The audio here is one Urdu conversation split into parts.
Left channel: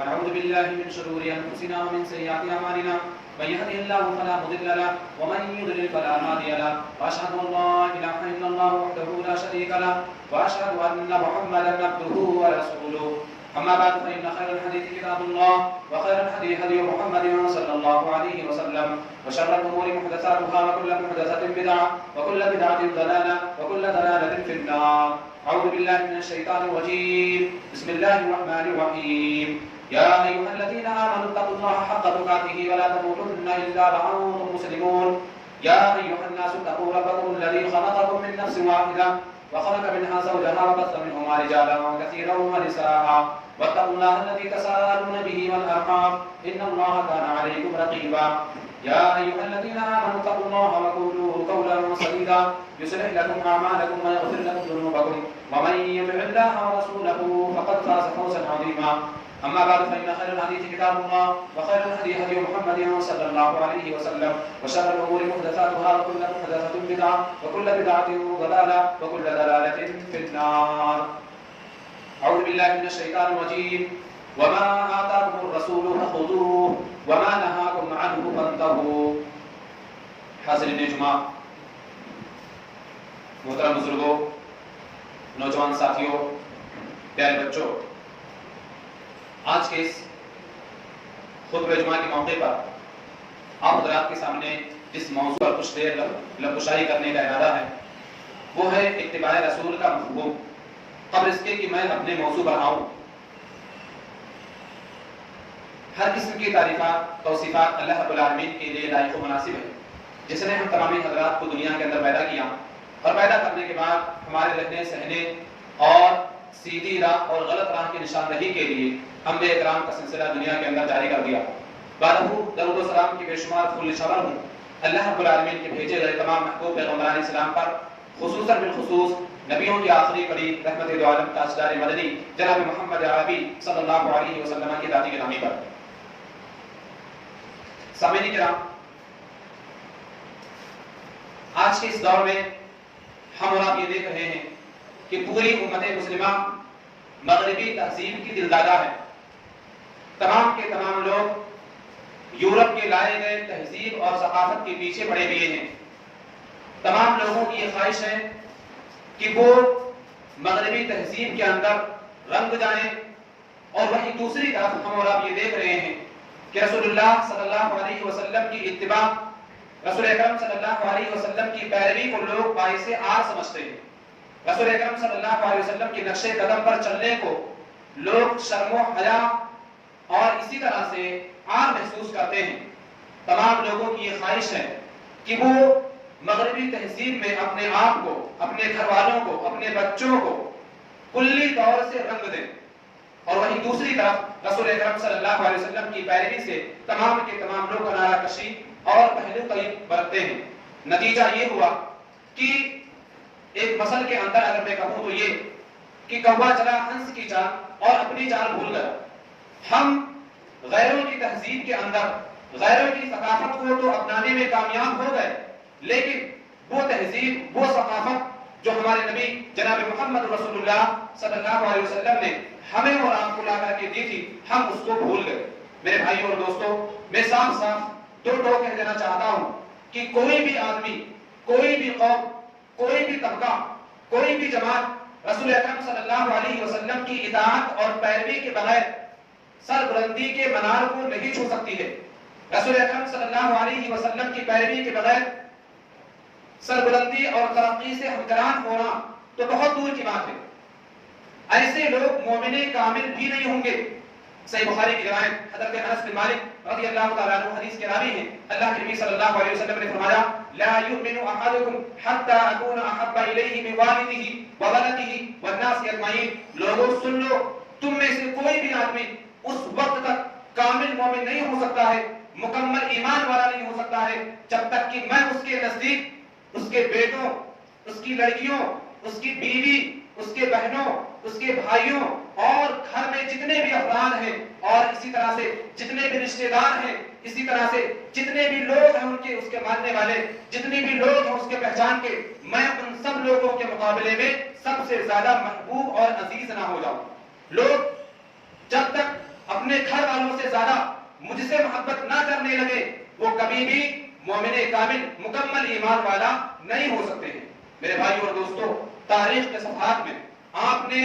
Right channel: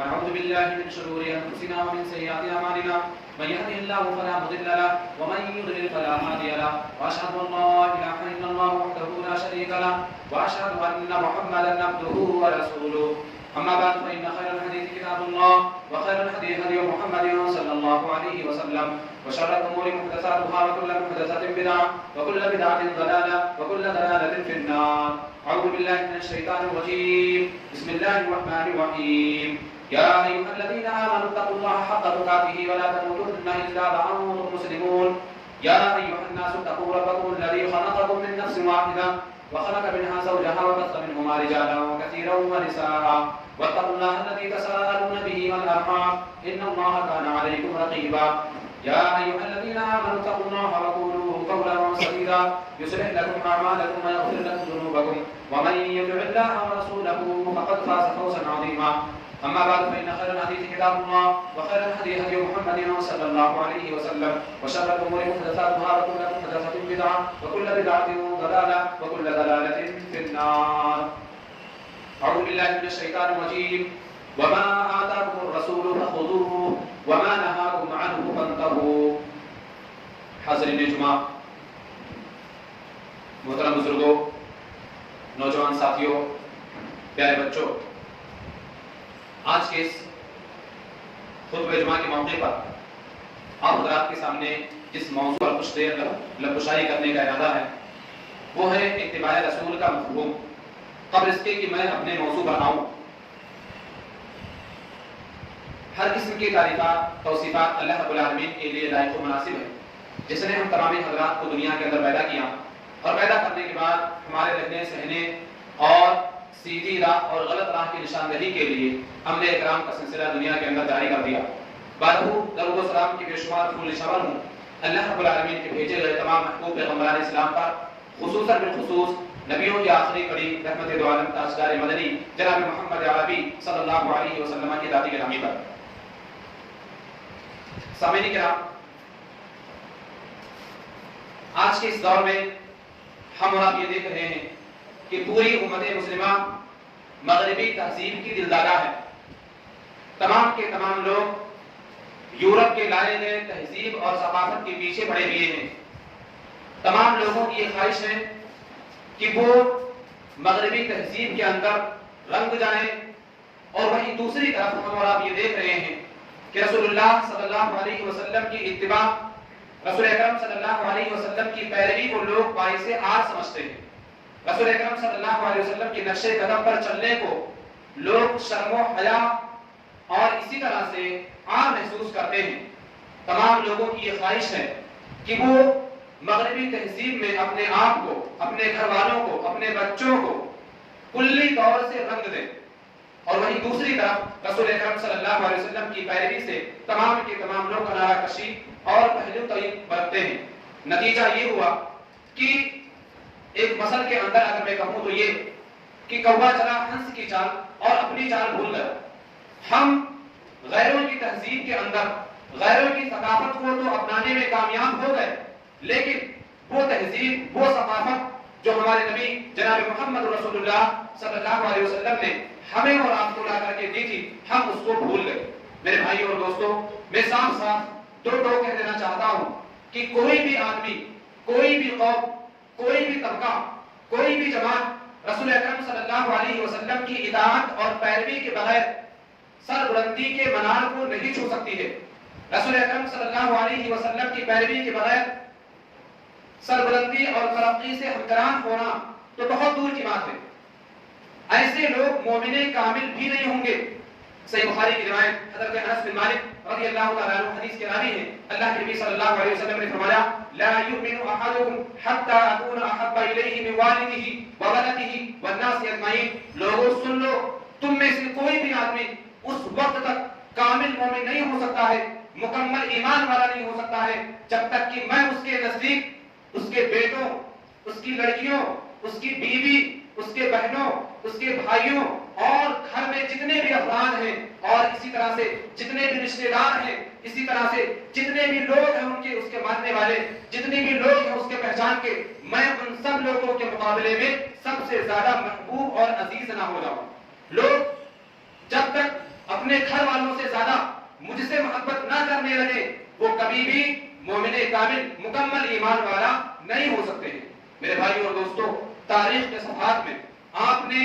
ونعوذ بالله من شرور أنفسنا ومن سيئات أعمالنا من يهده الله فلا مضل له ومن يضلل فلا هادي له وأشهد أن لا إله إلا الله وحده لا شريك له وأشهد أن محمدا عبده ورسوله أما بعد فإن خير الحديث كتاب الله وخير الهدي هدي محمد صلى الله عليه وسلم وشر الأمور محدثاتها وكل محدثة بدعة وكل بدعة ضلالة وكل ضلالة في النار. أعوذ بالله من الشيطان الرجيم. بسم الله الرحمن الرحيم. يا أيها الذين آمنوا اتقوا الله حق تقاته ولا تموتن إلا وأنتم مسلمون. يا أيها الناس اتقوا ربكم الذي خلقكم من نفس واحدة وخلق منها زوجها وبث منهما رجالا كثيرا ونساء واتقوا الله الذي تساءلون به والأرحام إن الله كان عليكم رقيبا. يا أيها الذين آمنوا اتقوا الله وقولوا قولا سديدا يصلح لكم أعمالكم ويغفر لكم ذنوبكم ومن يطع الله ورسوله فقد فاز فوزا عظيما. أما بعد فإن خير الحديث كتاب الله وخير الهدي هدي محمد صلى الله عليه وسلم وشر الأمور محدثاتها وكل محدثة بدعة وكل بدعة ضلالة وكل ضلالة في النار. أعوذ بالله من الشيطان الرجيم. وما آتاكم الرسول فخذوه وما نهاكم عنه فانتهوا. حاضرین جمعہ، محترم بزرگوں، نوجوان ساتھیوں، پیارے بچوں، آج کے اس خطبہ جمعہ کے موقع پر آپ حضرات کے سامنے جس موضوع پر کچھ دیر لبکشائی کرنے کا ارادہ ہے وہ ہے اتباع رسول کا مفہوم، قبل اس کے کہ میں اپنے موضوع پر آؤں. ہر قسم کی تعریفات توصیفات اللہ رب العالمین کے لیے لائق و مناسب ہے، جس نے ہم تمام حضرات کو دنیا کے اندر پیدا کیا اور پیدا کرنے کے بعد ہمارے رہنے سہنے اور سیدھی راہ اور غلط راہ کی نشاندہی کے لیے انبیاء کرام کا سلسلہ دنیا کے اندر جاری کر دیا. بارہو درود و سلام کی بے شمار پھول نشاور ہوں اللہ رب العالمین کے بھیجے گئے تمام محبوب پیغمبران اسلام پر، خصوصاً بالخصوص نبیوں کی آخری کڑی رحمت دو عالم تاجدار مدنی جناب محمد عربی صلی اللہ علیہ وسلم کی ذاتی گرامی پر. سامعین کرام، آج کے اس دور میں ہم اور آپ یہ دیکھ رہے ہیں کہ پوری امت مسلمہ مغربی تہذیب کی دلدادہ ہے. تمام کے تمام لوگ یورپ کے لائے گئے تہذیب اور ثقافت کے پیچھے پڑے ہوئے ہیں. تمام لوگوں کی یہ خواہش ہے کہ وہ مغربی تہذیب کے اندر رنگ جائیں، اور وہیں دوسری طرف ہم اور آپ یہ دیکھ رہے ہیں کہ رسول اللہ صلی اللہ علیہ وسلم کی اتباع، رسول اکرم صلی اللہ علیہ وسلم کی پیروی کو لوگ باعث عار سمجھتے ہیں. رسول اکرم صلی اللہ علیہ وسلم کے نقش قدم پر چلنے کو لوگ شرم و حیا اور اسی طرح سے عار محسوس کرتے ہیں. تمام لوگوں کی یہ خواہش ہے کہ وہ مغربی تہذیب میں اپنے آپ کو، اپنے گھر والوں کو، اپنے بچوں کو کلی طور سے رنگ دیں، اور وہیں دوسری طرف رسول اکرم صلی اللہ علیہ وسلم کی پیروی سے تمام کے تمام لوگ کنارہ کشی اور پہلو طیب برتتے ہیں. نتیجہ یہ ہوا کہ ایک مثل کے اندر اگر میں کہوں تو یہ کہ کوا چلا ہنس کی چال اور اپنی چال بھول گیا. ہم غیروں کی تہذیب کے اندر غیروں کی ثقافت کو تو اپنانے میں کامیاب ہو گئے، لیکن وہ تہذیب، وہ ثقافت جو ہمارے نبی جناب محمد رسول اللہ صلی اللہ علیہ وسلم نے ہمیں اور آپ کو لا کر کے دی تھی، ہم اس کو بھول گئے. میرے بھائیوں اور دوستوں، میں صاف صاف دو کہہ دینا چاہتا ہوں کہ کوئی بھی آدمی، کوئی بھی قوم، کوئی بھی طبقہ، کوئی بھی جماعت رسول اکرم صلی اللہ علیہ وسلم کی اطاعت اور پیروی کے بغیر سربلندی کے منار کو نہیں چھو سکتی ہے. رسول اکرم صلی اللہ علیہ وسلم کی پیروی کے بغیر سربلندی اور ترقی سے ہمکران ہونا تو بہت دور کی بات ہے. ایسے لوگ مومن کامل بھی نہیں ہوں گے. صحیح بخاری کی روایت حضرت انس بن مالک رضی اللہ تعالیٰ عنہ حدیث کے راوی ہیں، اللہ کے نبی صلی اللہ علیہ وسلم نے فرمایا لا یؤمن احدکم حتی اکون احب الیہ من والدہ وولدہ والناس اجمعین. لوگوں سن لو، تم میں سے کوئی بھی آدمی اس وقت تک کامل مومن نہیں ہو سکتا ہے، مکمل ایمان والا نہیں ہو سکتا ہے، جب تک کہ میں اس کے نزدیک اس کے بیٹوں، اس کی لڑکیوں، اس کی بیوی، اس کے بہنوں، اس کے بھائیوں اور گھر میں جتنے بھی افراد ہیں اور اسی طرح سے جتنے بھی رشتہ دار ہیں، اسی طرح سے جتنے بھی لوگ ہیں ان کے اس کے ماننے والے، جتنے بھی لوگ ہیں اس کے پہچان کے، میں ان سب لوگوں کے مقابلے میں سب سے زیادہ محبوب اور عزیز نہ ہو جاؤں. لوگ جب تک اپنے گھر والوں سے زیادہ مجھ سے محبت نہ کرنے لگے وہ کبھی بھی مومن کامل مکمل ایمان والا نہیں ہو سکتے ہیں۔ میرے بھائیوں اور دوستوں، تاریخ کے صفحات میں آپ نے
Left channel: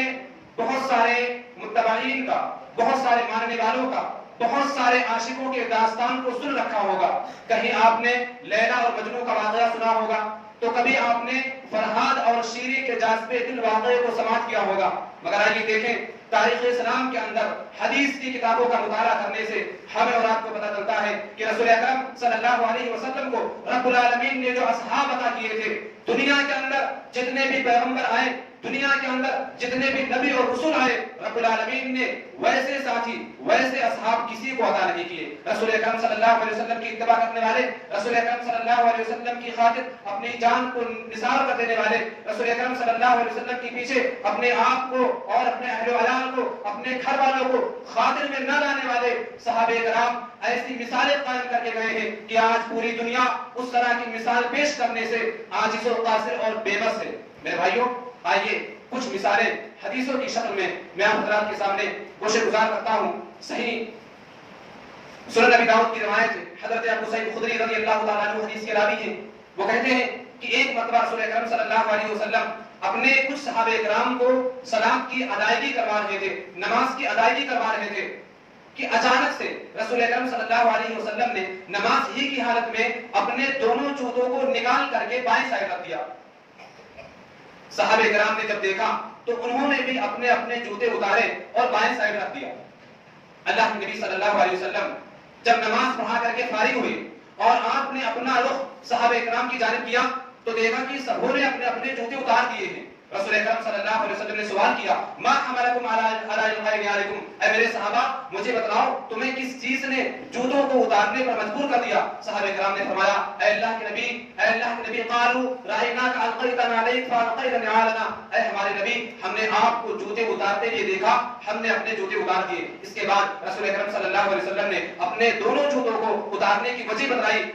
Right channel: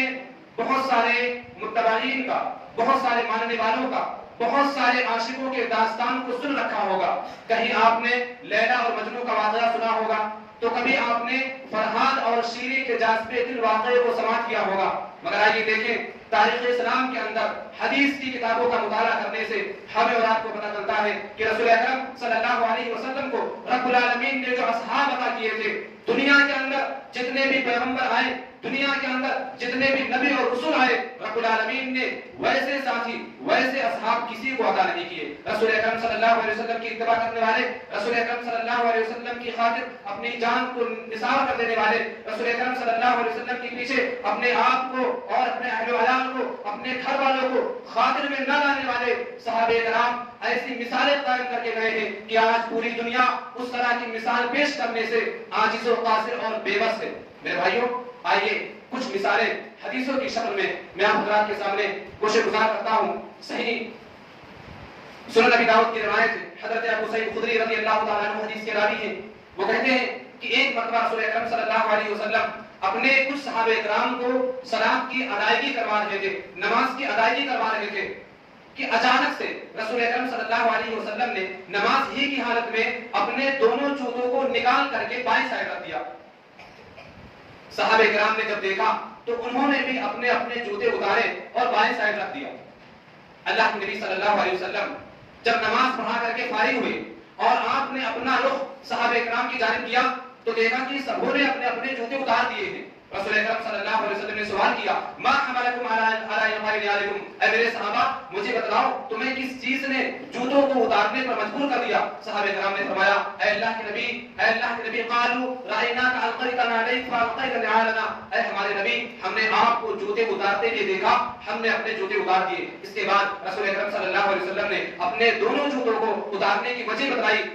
بہت سارے متبعین کا، بہت سارے ماننے والوں کا، بہت سارے عاشقوں کے داستان کو سن رکھا ہوگا۔ کہیں آپ نے لیلا اور مجنوں کا واقعہ سنا ہوگا، تو کبھی آپ نے فرحاد اور شیری کے جاذبے دل واقعے کو سماعت کیا ہوگا۔ مگر آئیے دیکھیں، تاریخ اسلام کے اندر حدیث کی کتابوں کا مطالعہ کرنے سے ہمیں اور آپ کو پتہ چلتا ہے کہ رسول اکرم صلی اللہ علیہ وسلم کو رب العالمین نے جو اصحاب عطا کیے تھے، دنیا کے اندر جتنے بھی پیغمبر آئے، دنیا کے اندر جتنے بھی نبی اور رسول آئے، رب العالمین نے ویسے ساتھی، ویسے اصحاب کسی کو عطا نہیں کیے۔ رسول اکرم صلی اللہ علیہ وسلم کی اتباع کرنے والے، رسول اکرم صلی اللہ علیہ وسلم کی خاطر اپنی جان کو نثار کر دینے والے، رسول اکرم صلی اللہ علیہ وسلم کے پیچھے اپنے آپ کو اور اپنے اہل و عیال کو، اپنے گھر والوں کو خاطر میں نہ لانے والے صحابہ کرام ایسی مثالیں قائم کر کے گئے ہیں کہ آج پوری دنیا اس طرح کی مثال پیش کرنے سے عاجز و قاصر اور بے بس ہے۔ میرے بھائیوں، آئیے کچھ مثالیں حدیثوں کی شکل میں آپ حضرات کے سامنے گوشے گزار کرتا ہوں۔ صحیح سنن ابی داؤد کی روایت ہے، حضرت ابو سعید خدری رضی اللہ تعالیٰ عنہ حدیث کے راوی ہیں۔ وہ کہتے ہیں کہ ایک مرتبہ رسول اکرم صلی اللہ علیہ وسلم اپنے کچھ صحابہ کرام کو صلاۃ کی ادائیگی کروا رہے تھے، نماز کی ادائیگی کروا رہے تھے کہ اچانک سے رسول اکرم صلی اللہ علیہ وسلم نے نماز ہی کی حالت میں اپنے دونوں جوتوں کو نکال کر کے بائیں سائڈ رکھ دیا۔ صحابہ کرام نے جب دیکھا تو انہوں نے بھی اپنے اپنے جوتے اتارے اور بائیں سائڈ رکھ دیا۔ اللہ کے نبی صلی اللہ علیہ وسلم جب نماز پڑھا کر کے فارغ ہوئے اور آپ نے اپنا رخ صحابہ کرام کی جانب کیا تو دیکھا کہ سبوں نے اپنے اپنے جوتے اتار دیے ہیں۔ رسول اکرم صلی اللہ علیہ وسلم نے سوال کیا، ما حملکم علی انقاء، اے میرے صحابہ مجھے بتلاؤ تمہیں کس چیز نے جوتوں کو اتارنے پر مجبور کر دیا؟ صحابہ کرام نے فرمایا، اے اللہ کے نبی، اے اللہ کے نبی، قالوا رأیناک القیت نعلیک فالقیت نعالنا، اے ہمارے نبی ہم نے آپ کو جوتے اتارتے ہوئے دیکھا، ہم نے اپنے جوتے اتار دیے۔ اس کے بعد رسول اکرم صلی اللہ علیہ وسلم نے اپنے دونوں جوتوں کو اتارنے کی وجہ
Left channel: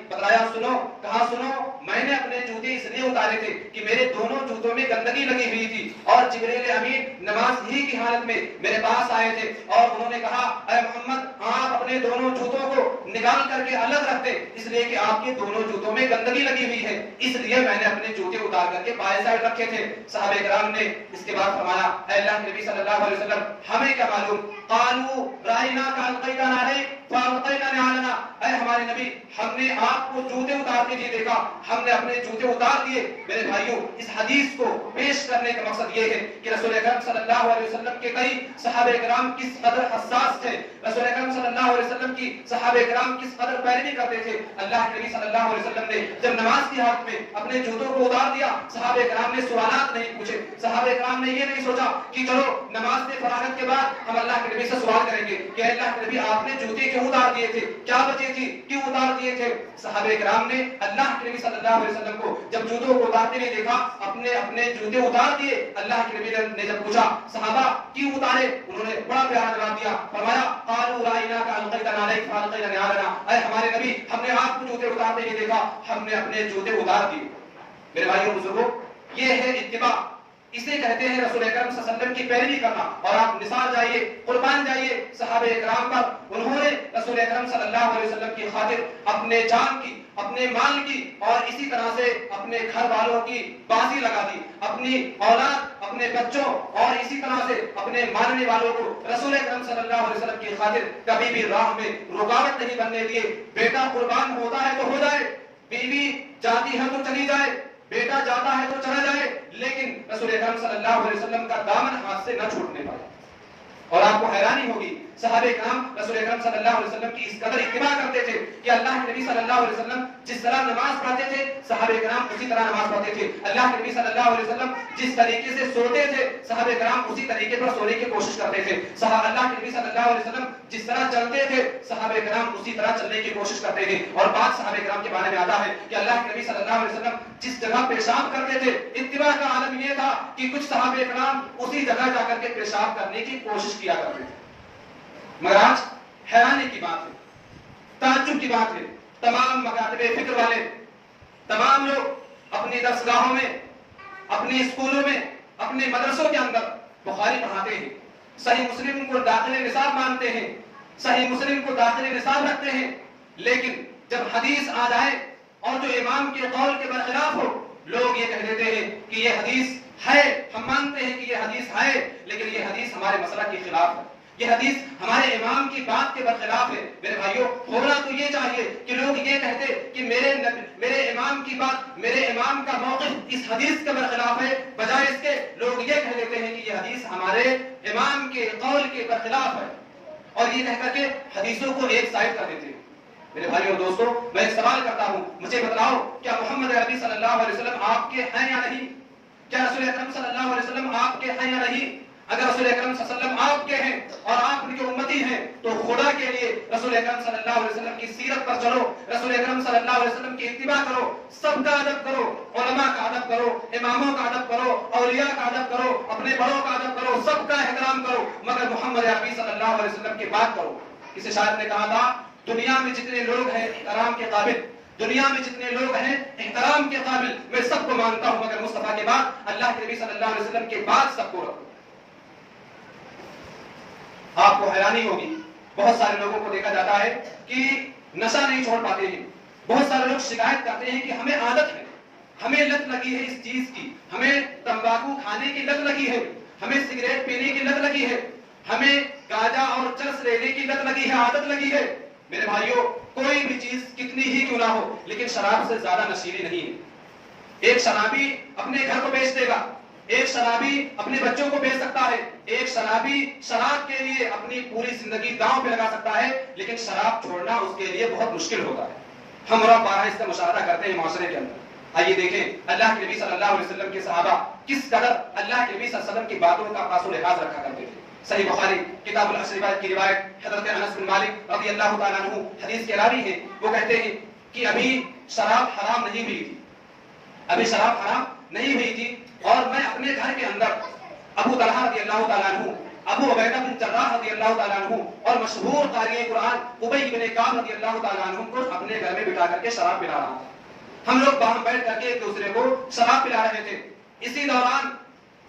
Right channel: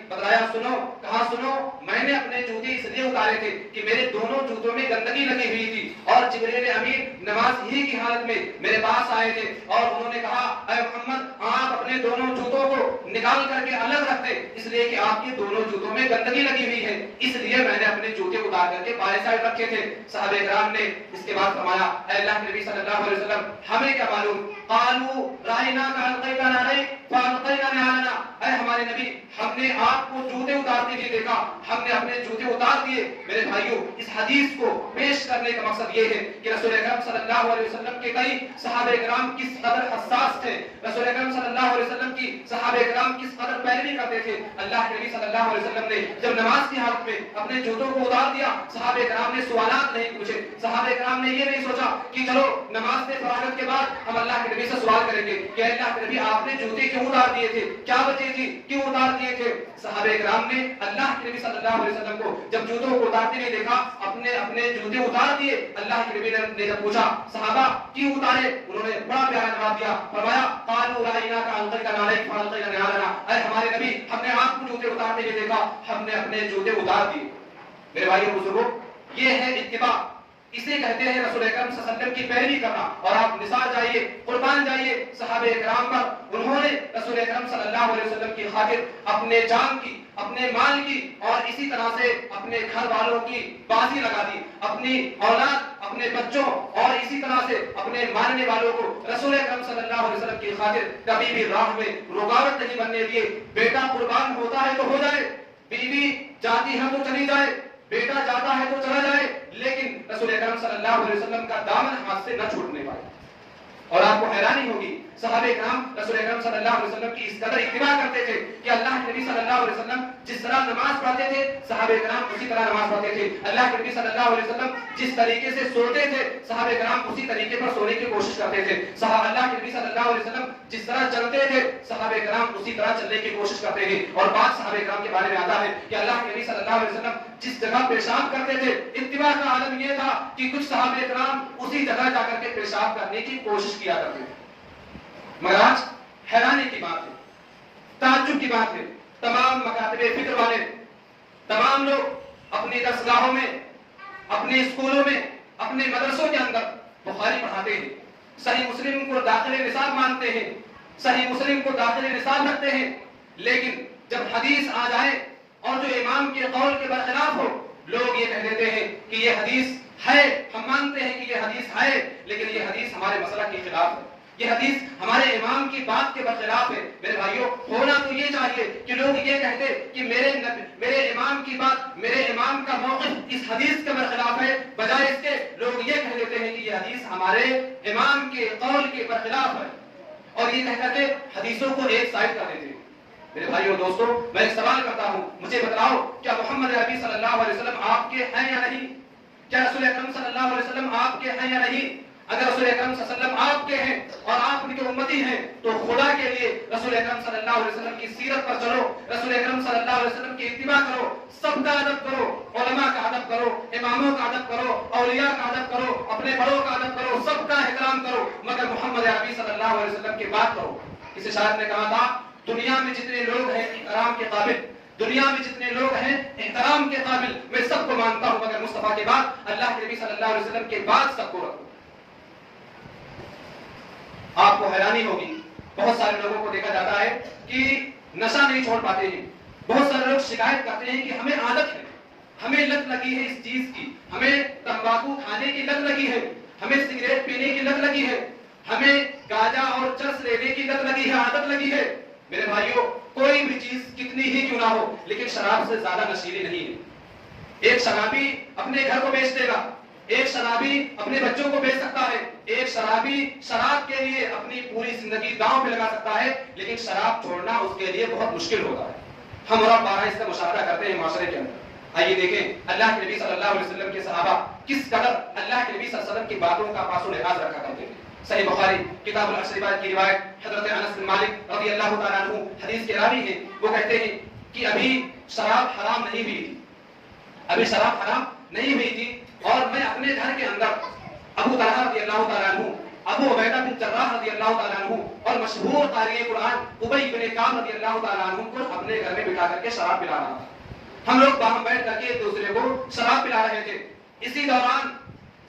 بتلایا، سنو، کہا سنو، میں نے اپنے جوتے اس لیے اتارے تھے کہ میرے دونوں جوتوں میں گندگی لگی ہوئی تھی اور جبریل امین نماز ہی کی حالت میں میرے پاس آئے تھے اور انہوں نے کہا، اے محمد آپ اپنے دونوں جوتوں کو نکال کر کے الگ رکھ دیں، اس لیے کہ آپ کے دونوں جوتوں میں گندگی لگی ہوئی ہے، اس لیے میں نے اپنے جوتے اتار کر کے بائیں سائڈ رکھے تھے۔ صحابہ کرام نے اس کے بعد فرمایا، اے اللہ کے نبی صلی اللہ علیہ وسلم ہمیں کیا معلوم؟ قالوا رأیناک القیت نعلیک فالقینا نعالنا، اے ہمارے نبی ہم نے آپ کو جوتے اتارتے ہوئے دیکھا، ہم نے اپنے جوتے اتار دیے۔ میرے بھائیوں، اس حدیث کو پیش کرنے کا مقصد یہ ہے کہ رسول اکرم صلی اللہ علیہ وسلم کے کئی صحابہ کرام کس قدر حساس تھے، رسول اکرم صلی اللہ علیہ وسلم کی صحابہ کرام کس قدر پیروی کرتے تھے۔ اللہ کے نبی صلی اللہ علیہ وسلم نے جب نماز کی حالت میں اپنے جوتوں کو اتار دیا، صحابہ کرام نے سوالات نہیں پوچھے، صحابہ کرام نے یہ نہیں سوچا کہ چلو نماز سے فراغت کے بعد ہم اللہ کے نبی سے سوال کریں گے کہ اللہ کے نبی آپ نے جوتے کیوں اتار دیے تھے، کیا وجہ تھی، کیوں اتار دیے تھے۔ صحابہ کرام نے اللہ کے نبی صلی اللہ علیہ وسلم کو جب جوتوں کو اتارتے ہوئے دیکھا، اپنے جوتے اتار دیے۔ اللہ کے نبی نے جب پوچھا صحابہ کیوں اتارے، انہوں نے بڑا پیارا جواب دیا، فرمایا قالوا رأیناک القیت نعلیک فالقینا نعالنا، اے ہمارے نبی ہم نے آپ کو جوتے اتارتے ہوئے دیکھا، ہم نے اپنے جوتے اتار دیے۔ میرے بھائیوں بزرگوں، یہ ہے اتباع، اسے کہتے ہیں رسول اکرم صلی اللہ علیہ وسلم کی پیروی کرنا۔ اور آپ نثار جائیے، قربان جائیے صحابہ کرام پر، انہوں نے رسول اکرم صلی اللہ علیہ وسلم کی خاطر اپنے جان کی، اپنے مال کی اور اسی طرح سے اپنے گھر والوں کی بازی لگا دی، اپنی اولاد، اپنے بچوں اور اسی طرح سے اپنے ماننے والوں کو رسول اکرم صلی اللہ علیہ وسلم کی خاطر کبھی بھی راہ میں رکاوٹ نہیں بننے دیے۔ بیٹا قربان ہوتا ہے تو ہو جائے، بیوی جاتی ہے تو چلی جائے، بیٹا جاتا ہے تو چلا جائے، لیکن رسول اکرم صلی اللہ علیہ وسلم کا دامن ہاتھ سے نہ چھوٹنے پائے۔ اور آپ کو حیرانی ہوگی، صحابہ کرام رسول اکرم صلی اللہ علیہ وسلم کی اس قدر اتباع کرتے تھے کہ اللہ کے نبی صلی اللہ علیہ وسلم جس طرح نماز پڑھتے تھے صحابہ کرام اسی طرح نماز پڑھتے تھے۔ اللہ کے نبی صلی اللہ علیہ وسلم جس طریقے سے سوتے تھے صحابہ کرام اسی طریقے پر سونے کی کوشش کرتے تھے۔ اللہ کے نبی صلی اللہ علیہ وسلم جس طرح چلتے تھے صحابہ کرام اسی طرح چلنے کی کوشش کرتے تھے۔ اور بعض صحابہ کرام کے بارے میں آتا ہے کہ اللہ کے نبی صلی اللہ علیہ وسلم جس جگہ پیشاب کرتے تھے، اتباع کا عالم یہ تھا کہ کچھ صحابہ کرام اسی جگہ جا کر کے پیشاب کرنے کی کوشش کیا کرتے تھے۔ مگر آج حیرانی کی بات ہے، تعجب کی بات ہے، تمام مکاتب فکر والے، تمام لوگ اپنی درسگاہوں میں، اپنے اسکولوں میں، اپنے مدرسوں کے اندر بخاری پڑھاتے ہیں، صحیح مسلم کو داخل نصاب مانتے ہیں، صحیح مسلم کو داخل نصاب رکھتے ہیں، لیکن جب حدیث آ جائے اور جو امام کے قول کے برخلاف ہو، لوگ یہ کہہ دیتے ہیں کہ یہ حدیث ہے، ہم مانتے ہیں کہ یہ حدیث ہے، لیکن یہ حدیث ہمارے مسئلہ کے خلاف ہے، یہ حدیث ہمارے امام کی بات کے برخلاف ہے۔ میرے بھائیوں، ہونا تو یہ چاہیے کہ لوگ یہ کہتے کہ میرے امام کی بات، میرے امام کا موقف اس حدیث کے برخلاف ہے، بجائے اس کے لوگ یہ کہہ دیتے ہیں کہ یہ حدیث ہمارے امام کے قول کے برخلاف ہے، اور یہ کہہ کر کے حدیثوں کو ایک سائڈ کر دیتے ہیں۔ میرے بھائیوں اور دوستوں، میں ایک سوال کرتا ہوں، مجھے بتلاؤ کیا محمد عربی صلی اللہ علیہ وسلم آپ کے ہیں یا نہیں؟ کیا رسول اکرم صلی اللہ علیہ وسلم آپ کے ہیں یا نہیں؟ اگر رسول اکرم صلی اللہ علیہ وسلم آپ کے ہیں اور آپ ان کے امتی ہیں تو خدا کے لیے رسول اکرم صلی اللہ علیہ وسلم کی سیرت پر چلو، رسول اکرم صلی اللہ علیہ وسلم کی اتباع کرو، سب کا ادب کرو، علماء کا ادب کرو، اماموں کا ادب کرو، اولیاء کا ادب کرو، اپنے بڑوں کا ادب کرو، سب کا احترام کرو، مگر محمد عربی صلی اللہ علیہ وسلم کی بات کرو۔ کسی شاعر نے کہا تھا، دنیا میں جتنے لوگ ہیں احترام کے قابل، دنیا میں جتنے لوگ ہیں احترام کے قابل، میں سب کو مانتا ہوں، مگر مصطفیٰ کے بعد، اللہ کے نبی صلی اللہ علیہ وسلم کے بعد سب کو رکھو۔ آپ کو حیرانی ہوگی، بہت سارے لوگوں کو دیکھا جاتا ہے کہ نشہ نہیں چھوڑ پاتے ہیں، بہت سارے لوگ شکایت کرتے ہیں کہ ہمیں عادت ہے، ہمیں لت لگی ہے اس چیز کی، ہمیں تمباکو کھانے کی لت لگی ہے، ہمیں سگریٹ پینے کی لت لگی ہے، ہمیں گاجا اور چرس لینے کی لت لگی ہے، عادت لگی ہے۔ میرے بھائیوں، کوئی بھی چیز کتنی ہی کیوں نہ ہو، لیکن شراب سے زیادہ نشیلی نہیں ہے۔ ایک شرابی اپنے گھر کو بیچ دے گا، ایک شرابی اپنے بچوں کو بیچ سکتا ہے، ایک شرابی شراب کے لیے اپنی پوری زندگی داؤں پہ لگا سکتا ہے، لیکن شراب چھوڑنا اس کے لیے بہت مشکل ہوتا ہے۔ ہم اور بارہ اس کا مشاہدہ کرتے ہیں معاشرے کے اندر۔ آئیے دیکھیں اللہ کے نبی صلی اللہ علیہ وسلم کے صحابہ کس قدر اللہ کے نبی صلی اللہ علیہ وسلم کی باتوں کا پاس و لحاظ رکھا کرتے تھے۔ صحیح بخاری کتاب الاشربات کی روایت، حضرت انس بن مالک رضی اللہ تعالیٰ عنہ حدیث کے راوی ہیں، وہ کہتے ہیں کہ ابھی شراب حرام نہیں ہوئی تھی، ابھی شراب حرام نہیں ہوئی تھی، اور میں اپنے گھر کے اندر ابو طلحہ رضی اللہ تعالیٰ عنہ، ابو عبیدہ بن جراح رضی اللہ تعالیٰ عنہ اور مشہور قاری قرآن ابی بن کعب رضی اللہ تعالیٰ عنہ کو اپنے گھر میں بٹھا کر کے شراب پلا رہا تھا۔ ہم لوگ باہم بیٹھ کر کے ایک دوسرے کو شراب پلا رہے تھے۔ اسی دوران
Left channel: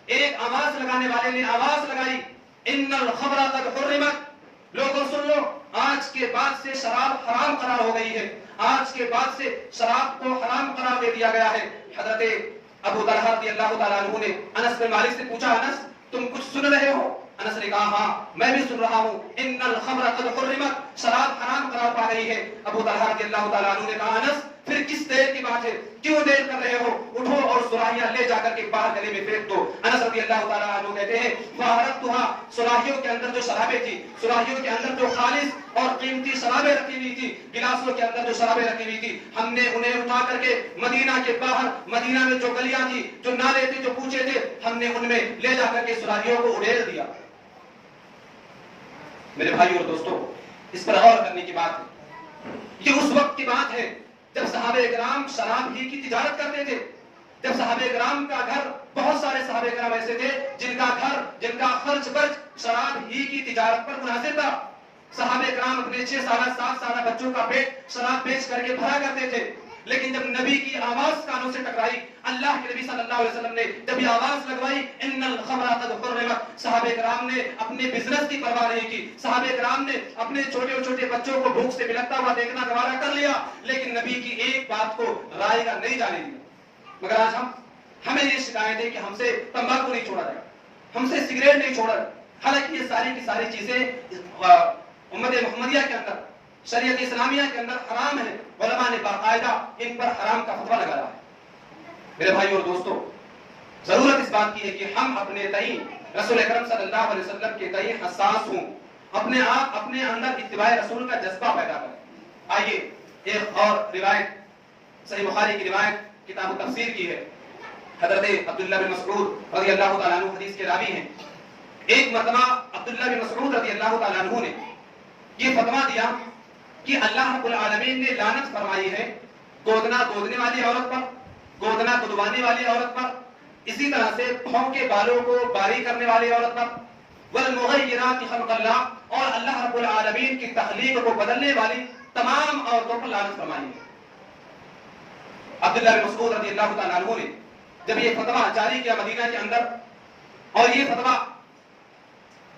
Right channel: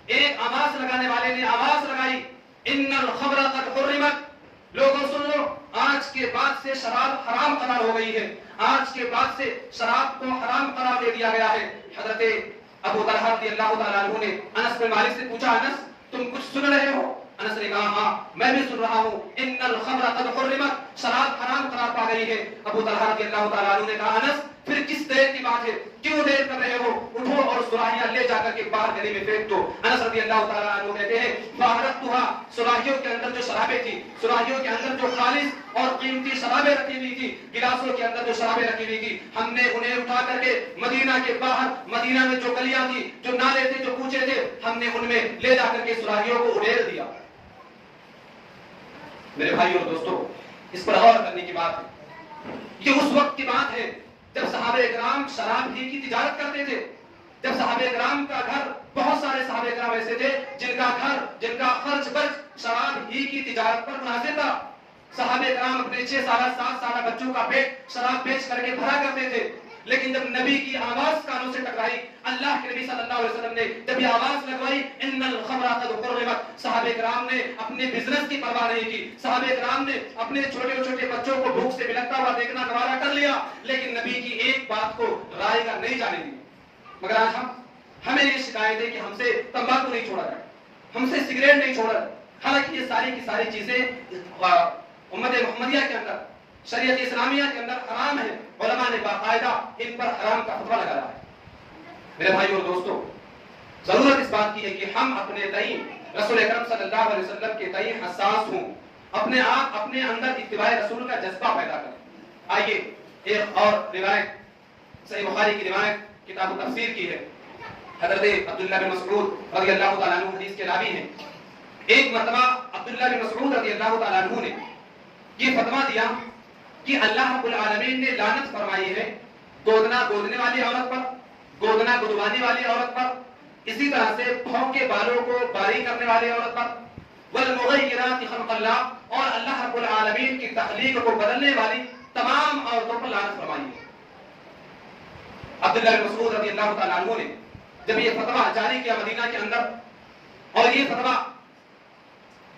ایک آواز لگانے والے نے آواز لگائی، ان الخمر قد حرمت، لوگوں سن لو، آج کے بعد سے شراب حرام قرار ہو گئی ہے، آج کے بعد سے شراب کو حرام قرار دے دیا گیا ہے۔ حضرت ابو طلحہ رضی اللہ تعالیٰ عنہ نے انس بن مالک سے پوچھا، انس تم کچھ سن رہے ہو؟ انس نے کہا ہاں میں بھی سن رہا ہوں، ان الخمر قد حرمت، شراب حرام قرار پا گئی ہے۔ ابو طلحہ رضی اللہ تعالیٰ عنہ نے کہا، انس پھر کس دیر کی بات ہے، کیوں دیر کر رہے ہو، اٹھو اور سراہیاں لے جا کر کے باہر گلی میں پھینک دو۔ انس رضی اللہ تعالیٰ عنہ کہتے ہیں، فَأَحْرَقْتُهَا، سراہیوں کے اندر جو شرابیں تھی، سراہیوں کے اندر جو خالص اور قیمتی شرابیں رکھی ہوئی تھی، گلاسوں کے اندر جو شرابیں رکھی ہوئی تھی، ہم نے انہیں اٹھا کر کے مدینہ کے باہر، مدینہ میں جو گلیاں تھی، جو نالے تھے، جو کوچے تھے، ہم نے ان میں لے جا کر کے سراہیوں کو اڑیل دیا۔ میرے بھائیوں اور دوستوں، اس پر غور کرنے کی بات ہے، یہ اس وقت کی بات ہے جب صحابہ کرام شراب ہی کی تجارت کرتے تھے، جب صحابہ کرام کا گھر، بہت سارے صحابہ کرام ایسے تھے جن کا گھر، جن کا خرچ برچ شراب ہی کی تجارت پر منحصر تھا۔ صحابہ کرام اپنے 6 سالہ 7 سالہ بچوں کا پیٹ شراب بیچ کر کے بھرا کرتے تھے، لیکن جب نبی کی آواز کانوں سے ٹکرائی، اللہ کے نبی صلی اللہ علیہ وسلم نے جب یہ آواز لگوائی، ان الخمر قد حرمت، صحابہ کرام نے اپنے بزنس کی پرواہ نہیں کی، صحابہ کرام نے اپنے چھوٹے چھوٹے بچوں کو بھوک سے بلکتا ہوا دیکھنا گوارا کر لیا، لیکن نبی کی ایک بات کو رائے گا نہیں جانے دی۔ مگر آج ہمیں یہ شکایت ہے کہ ہم سے تمباکو نہیں چھوڑا جائے، ہم سے سگریٹ نہیں چھوڑا جائے، حالانکہ یہ ساری کی ساری چیزیں امت محمدیہ کے اندر، شریعت اسلامیہ کے اندر حرام ہے، علماء نے باقاعدہ ان پر حرام کا فتویٰ لگایا ہے۔ میرے بھائیوں اور دوستوں، ضرورت اس بات کی ہے کہ ہم اپنے تئیں رسول اکرم صلی اللہ علیہ وسلم کے تئیں حساس ہوں، اپنے آپ اپنے اندر اتباع رسول کا جذبہ پیدا کریں۔ آئیے ایک اور روایت، صحیح بخاری کی روایت کتاب تفسیر کی ہے، حضرت عبداللہ بن مسعود رضی اللہ تعالیٰ عنہ حدیث کے راوی ہیں۔ ایک مرتبہ عبداللہ بن مسعود رضی اللہ تعالیٰ عنہ نے یہ فتویٰ دیا کہ اللہ رب العالمین نے لعنت فرمائی ہے گودنا گودنے والی عورت پر، گودنا گدوانے والی عورت پر، اسی طرح سے بھونگ کے بالوں کو باریک کرنے والی عورت پر، والمغیرات خلق اللہ، اور اللہ رب العالمین کی تخلیق کو بدلنے والی تمام عورتوں پر لعنت فرمائی ہے۔ عبداللہ بن مسعود رضی اللہ تعالیٰ عنہ نے جب یہ فتویٰ جاری کیا مدینہ کے اندر، اور یہ فتویٰ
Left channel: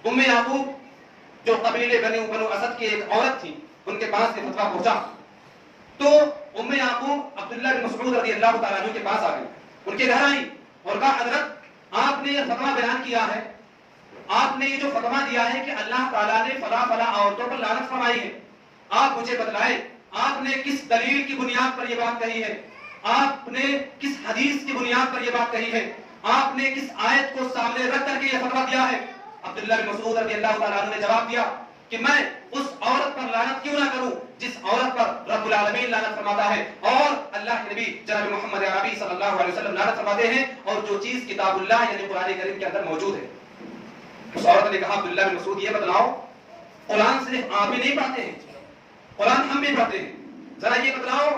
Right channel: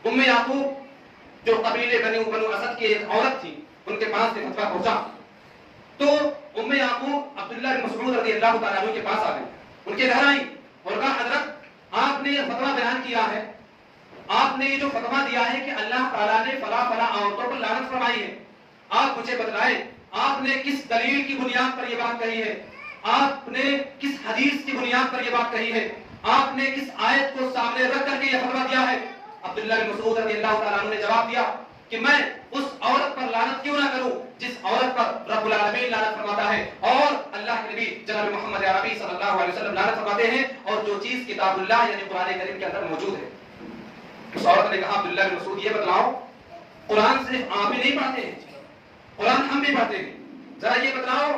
ام یعقوب جو قبیلے بنو اسد کی ایک عورت تھی ان کے پاس یہ فتویٰ پہنچا تو ام یعقوب عبداللہ بن مسعود رضی اللہ تعالیٰ عنہ کے پاس آ گئی, ان کے گھر آئی اور کہا حضرت آپ نے یہ فتویٰ بیان کیا ہے, آپ نے یہ جو فتویٰ دیا ہے کہ اللہ تعالیٰ نے فلاں فلاں عورتوں پر لعنت فرمائی ہے, آپ مجھے بتلائیں آپ نے کس دلیل کی بنیاد پر یہ بات کہی ہے, آپ نے کس حدیث کی بنیاد پر یہ بات کہی ہے, آپ نے کس آیت کو سامنے رکھ کر کے یہ فتویٰ دیا ہے. عبداللہ بن مسعود رضی اللہ تعالیٰ عنہ نے جواب دیا کہ میں اس عورت پر لعنت کیوں نہ کروں جس عورت پر رب العالمین لعنت فرماتا ہے اور اللہ کے نبی جناب محمد عربی صلی اللہ علیہ وسلم لعنت فرماتے ہیں, اور جو چیز کتاب اللہ یعنی قرآن کریم کے اندر موجود ہے. اس عورت نے کہا عبداللہ بن مسعود یہ بتلاؤ قرآن صرف آپ ہی نہیں پڑھتے ہیں, قرآن ہم بھی پڑھتے ہیں, ذرا یہ بتلاؤ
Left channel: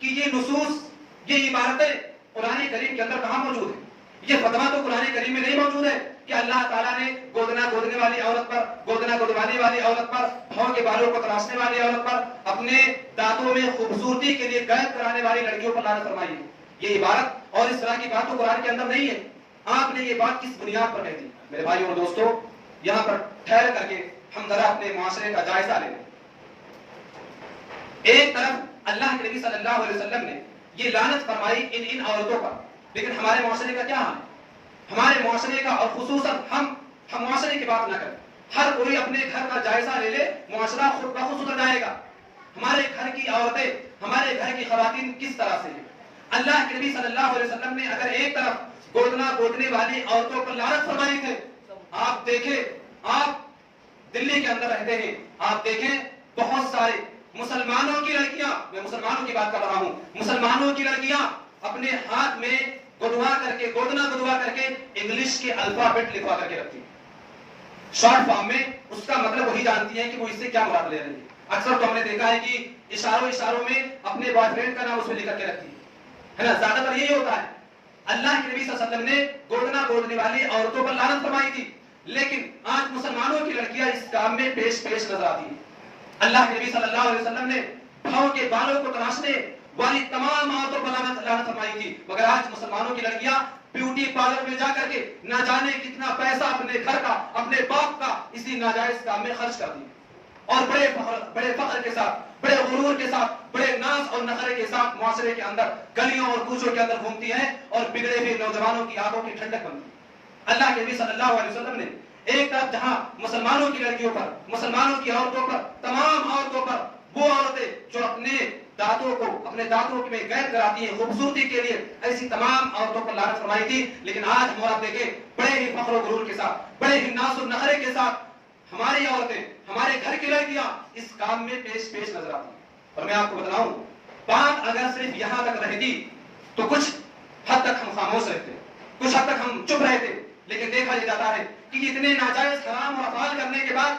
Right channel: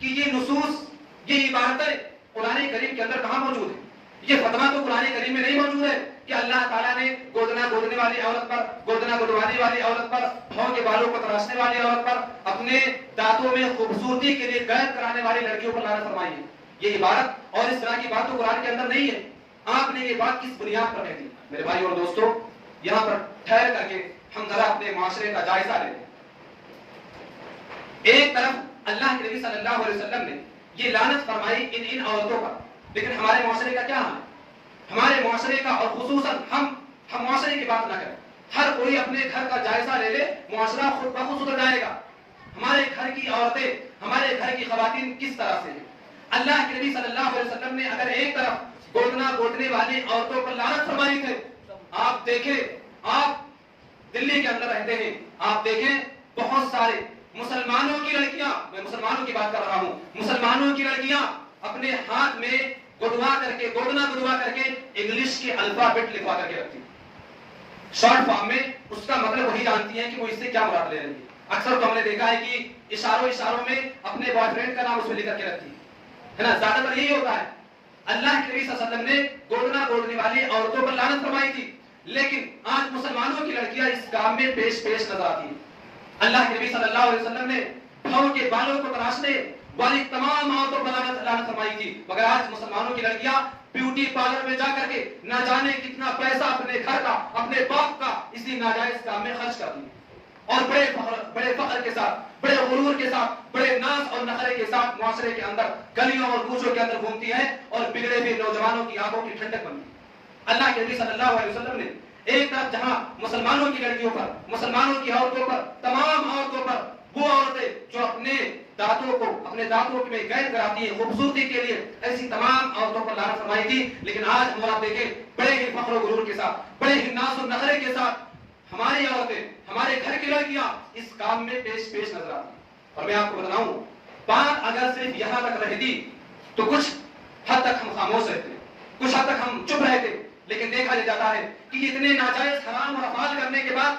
کہ یہ نصوص یہ عبارتیں قرآن کریم کے اندر کہاں موجود ہے. یہ فتویٰ تو قرآن کریم میں نہیں موجود ہے کہ اللہ تعالیٰ نے گودنا گودنے والی عورت پر, گودنا گودوانے والی عورت پر, بھاؤں کے بالوں کو تراشنے والی عورت پر, اپنے دانتوں میں خوبصورتی کے لیے قید کرانے والی لڑکیوں پر لعنت فرمائی ہے. یہ عبارت اور اس طرح کی بات تو قرآن کے اندر نہیں ہے. آپ نے یہ بات کس بنیاد پر کہہ دی؟ میرے بھائی اور دوستو, یہاں پر ٹھہر کر کے ہم ذرا اپنے معاشرے کا جائزہ لیں. ایک طرف اللہ کے نبی صلی اللہ علیہ وسلم نے یہ لعنت فرمائی ان عورتوں پر, لیکن ہمارے معاشرے کا کیا حال ہے؟ ہمارے معاشرے کا, اور خصوصاً ہم معاشرے کی بات نہ کریں, ہر کوئی اپنے گھر کا جائزہ لے لے, معاشرہ خود بخود سدھر جائے گا. ہمارے گھر کی عورتیں, ہمارے گھر کی خواتین کس طرح سے ہیں؟ اللہ کے نبی صلی اللہ علیہ وسلم نے اگر ایک طرف گودنا گودنے والی عورتوں پر لعنت فرمائی تھے, آپ دیکھیں, آپ دلی کے اندر رہتے ہیں, آپ دیکھیں بہت سارے مسلمانوں کی لڑکیاں, میں مسلمانوں کی بات کر رہا ہوں, مسلمانوں کی لڑکیاں اپنے ہاتھ میں گدوا کر کے, گودنا گدوا کر کے انگلش کے الفابیٹ لکھوا کر کے رکھتی, شارٹ فارم میں اس کا مطلب وہی جانتی ہیں کہ وہ اس سے کیا مراد لے رہی ہے. اکثر تو ہم نے دیکھا ہے کہ اشاروں میں اپنے بوائے فرینڈ کا نام اس میں لکھ کر کے رکھتی ہے نا, زیادہ تر یہی ہوتا ہے. اللہ کے نبی صلی اللہ علیہ وسلم نے گودنا گودنے والی عورتوں پر لعنت فرمائی تھی, لیکن آج مسلمانوں کی لڑکیاں اس کام میں پیش نظر آتی ہیں. اللہ کے نبی صلی اللہ علیہ وسلم نے بھاؤں کے بالوں کو تراشنے والی تمام عورتوں پر لعنت فرمائی تھی, مگر آج مسلمانوں کی لڑکیاں بیوٹی پارلر میں جا کر کے نہ جانے کتنا پیسہ اپنے گھر کا, اپنے باپ کا اسی ناجائز کام میں خرچ کرتی ہیں, اور بڑے فخر کے ساتھ, بڑے غرور کے ساتھ, بڑے ناز اور نخرے کے ساتھ معاشرے کے اندر گلیوں اور کوچوں کے اندر گھومتی ہیں اور بگڑے ہوئے نوجوانوں کی آنکھوں کی ٹھنڈک بنتی ہے. اللہ کے نبی صلی اللہ علیہ وسلم نے ایک طرف جہاں مسلمانوں کی لڑکیوں پر, مسلمانوں کی عورتوں پر, تمام عورتوں پر, وہ عورتیں جو اپنے دانتوں میں قید کراتی ہیں خوبصورتی کے لیے, ایسی تمام عورتوں پر لعنت فرمائی تھی. لیکن آج ہم آپ دیکھیں بڑے ہی فخر و غرور کے ساتھ, بڑے ہی ناز و نخرے کے ساتھ ہماری عورتیں, ہمارے گھر کی لڑکیاں اس کام میں پیش نظر آتی ہیں. اور میں آپ کو بتاؤں, بات اگر صرف یہاں تک رہتی تو کچھ حد تک ہم خاموش رہتے, کچھ حد تک ہم چپ رہتے, لیکن دیکھا جاتا ہے کہ اتنے ناجائز حرام اور افعال کرنے کے بعد,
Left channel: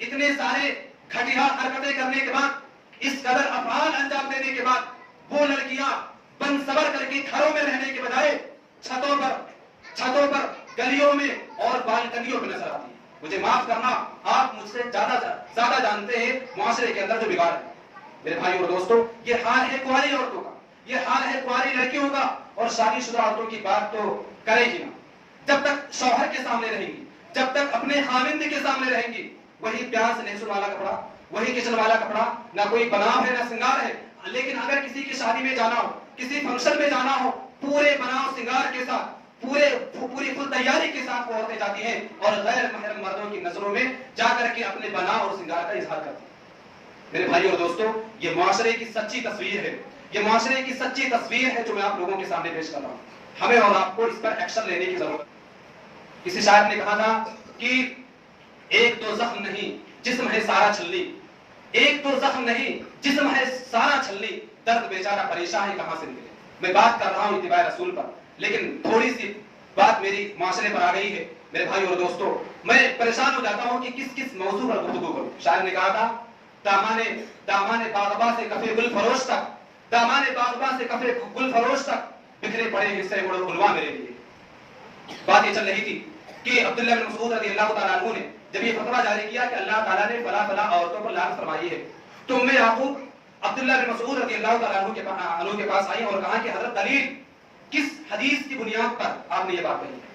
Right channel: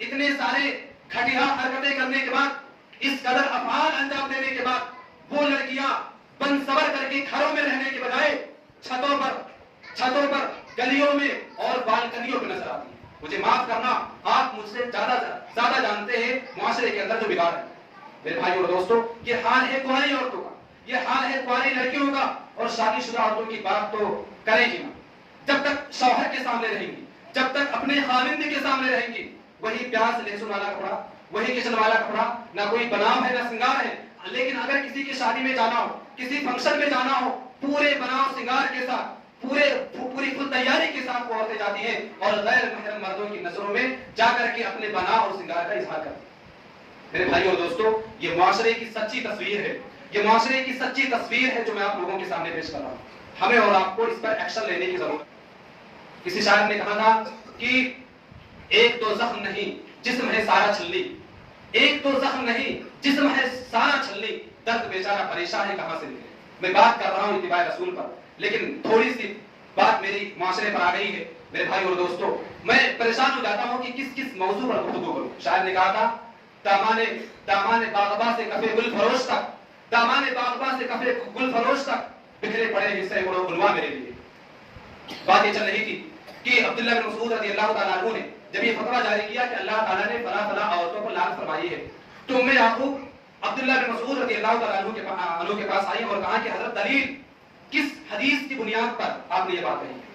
اتنے سارے گھٹیا حرکتیں کرنے کے بعد, اس قدر افعال انجام دینے کے بعد, وہ لڑکیاں بند صبر کر کے گھروں میں رہنے کے بجائے چھتوں پر گلیوں میں اور بالکنیوں پہ نظر آتی ہیں. مجھے معاف کرنا, آپ مجھ سے زیادہ جانتے ہیں معاشرے کے اندر جو بگاڑ ہے. میرے بھائی اور دوستو, یہ حال ہے کنواری عورتوں کا, یہ حال ہے کنواری لڑکیوں کا, اور شادی شدہ عورتوں کی بات تو کرے گی نا. جب تک شوہر کے سامنے رہیں گی, جب تک اپنے خاوند کے سامنے رہیں گی, وہی پیار سے لہسن والا کپڑا, وہی کچن والا کپڑا, نہ کوئی بناؤ ہے نہ سنگار ہے. لیکن اگر کسی کی شادی میں جانا ہو, کسی فنکشن میں جانا ہو, پورے بناؤ سنگار کے ساتھ, پوری فل تیاری کے ساتھ وہ عورتیں جاتی ہیں اور غیر محرم مردوں کی نظروں میں جا کر کے اپنے بناؤ اور سنگار کا اظہار کرتی ہیں. میرے بھائی اور دوستو, یہ معاشرے کی سچی تصویر ہے, یہ معاشرے کی سچی تصویر ہے جو میں آپ لوگوں کے سامنے پیش کر رہا ہوں. ہمیں اور آپ کو اس پر ایکشن لینے کی ضرورت ہے. کسی شاعر نے کہا تھا کہ ایک تو زخم نہیں جسم ہے سارا چھلنی, ایک تو زخم نہیں جسم ہے سارا چھلنی, درد بیچارہ پریشان ہے کہاں سے ملے. میں بات کر رہا ہوں اتباع رسول پر, لیکن تھوڑی سی بات میری معاشرے پر آ گئی ہے. میرے بھائی اور دوستو, میں پریشان ہو جاتا ہوں کہ کس موضوع پر گفتگو کروں. شاعر نے کہا تھا دامان باغباں سے کفے گل فروش تک, دامان باغباں سے کفے گل فروش تک, بکھرے پڑے حصے بڑو عنوان میرے لیے. بات یہ چل رہی تھی کہ عبداللہ بن مسعود رضی اللہ تعالیٰ عنہ نے جب یہ فتویٰ جاری کیا کہ اللہ تعالیٰ نے فلاں عورتوں پر لعنت فرمائی ہے, تو ام یعقوب عبداللہ بن مسعود رضی اللہ تعالیٰ عنہ کے پاس آئی اور کہا کہ حضرت دلیل کس حدیث کی بنیاد پر آپ نے یہ بات کہی ہے.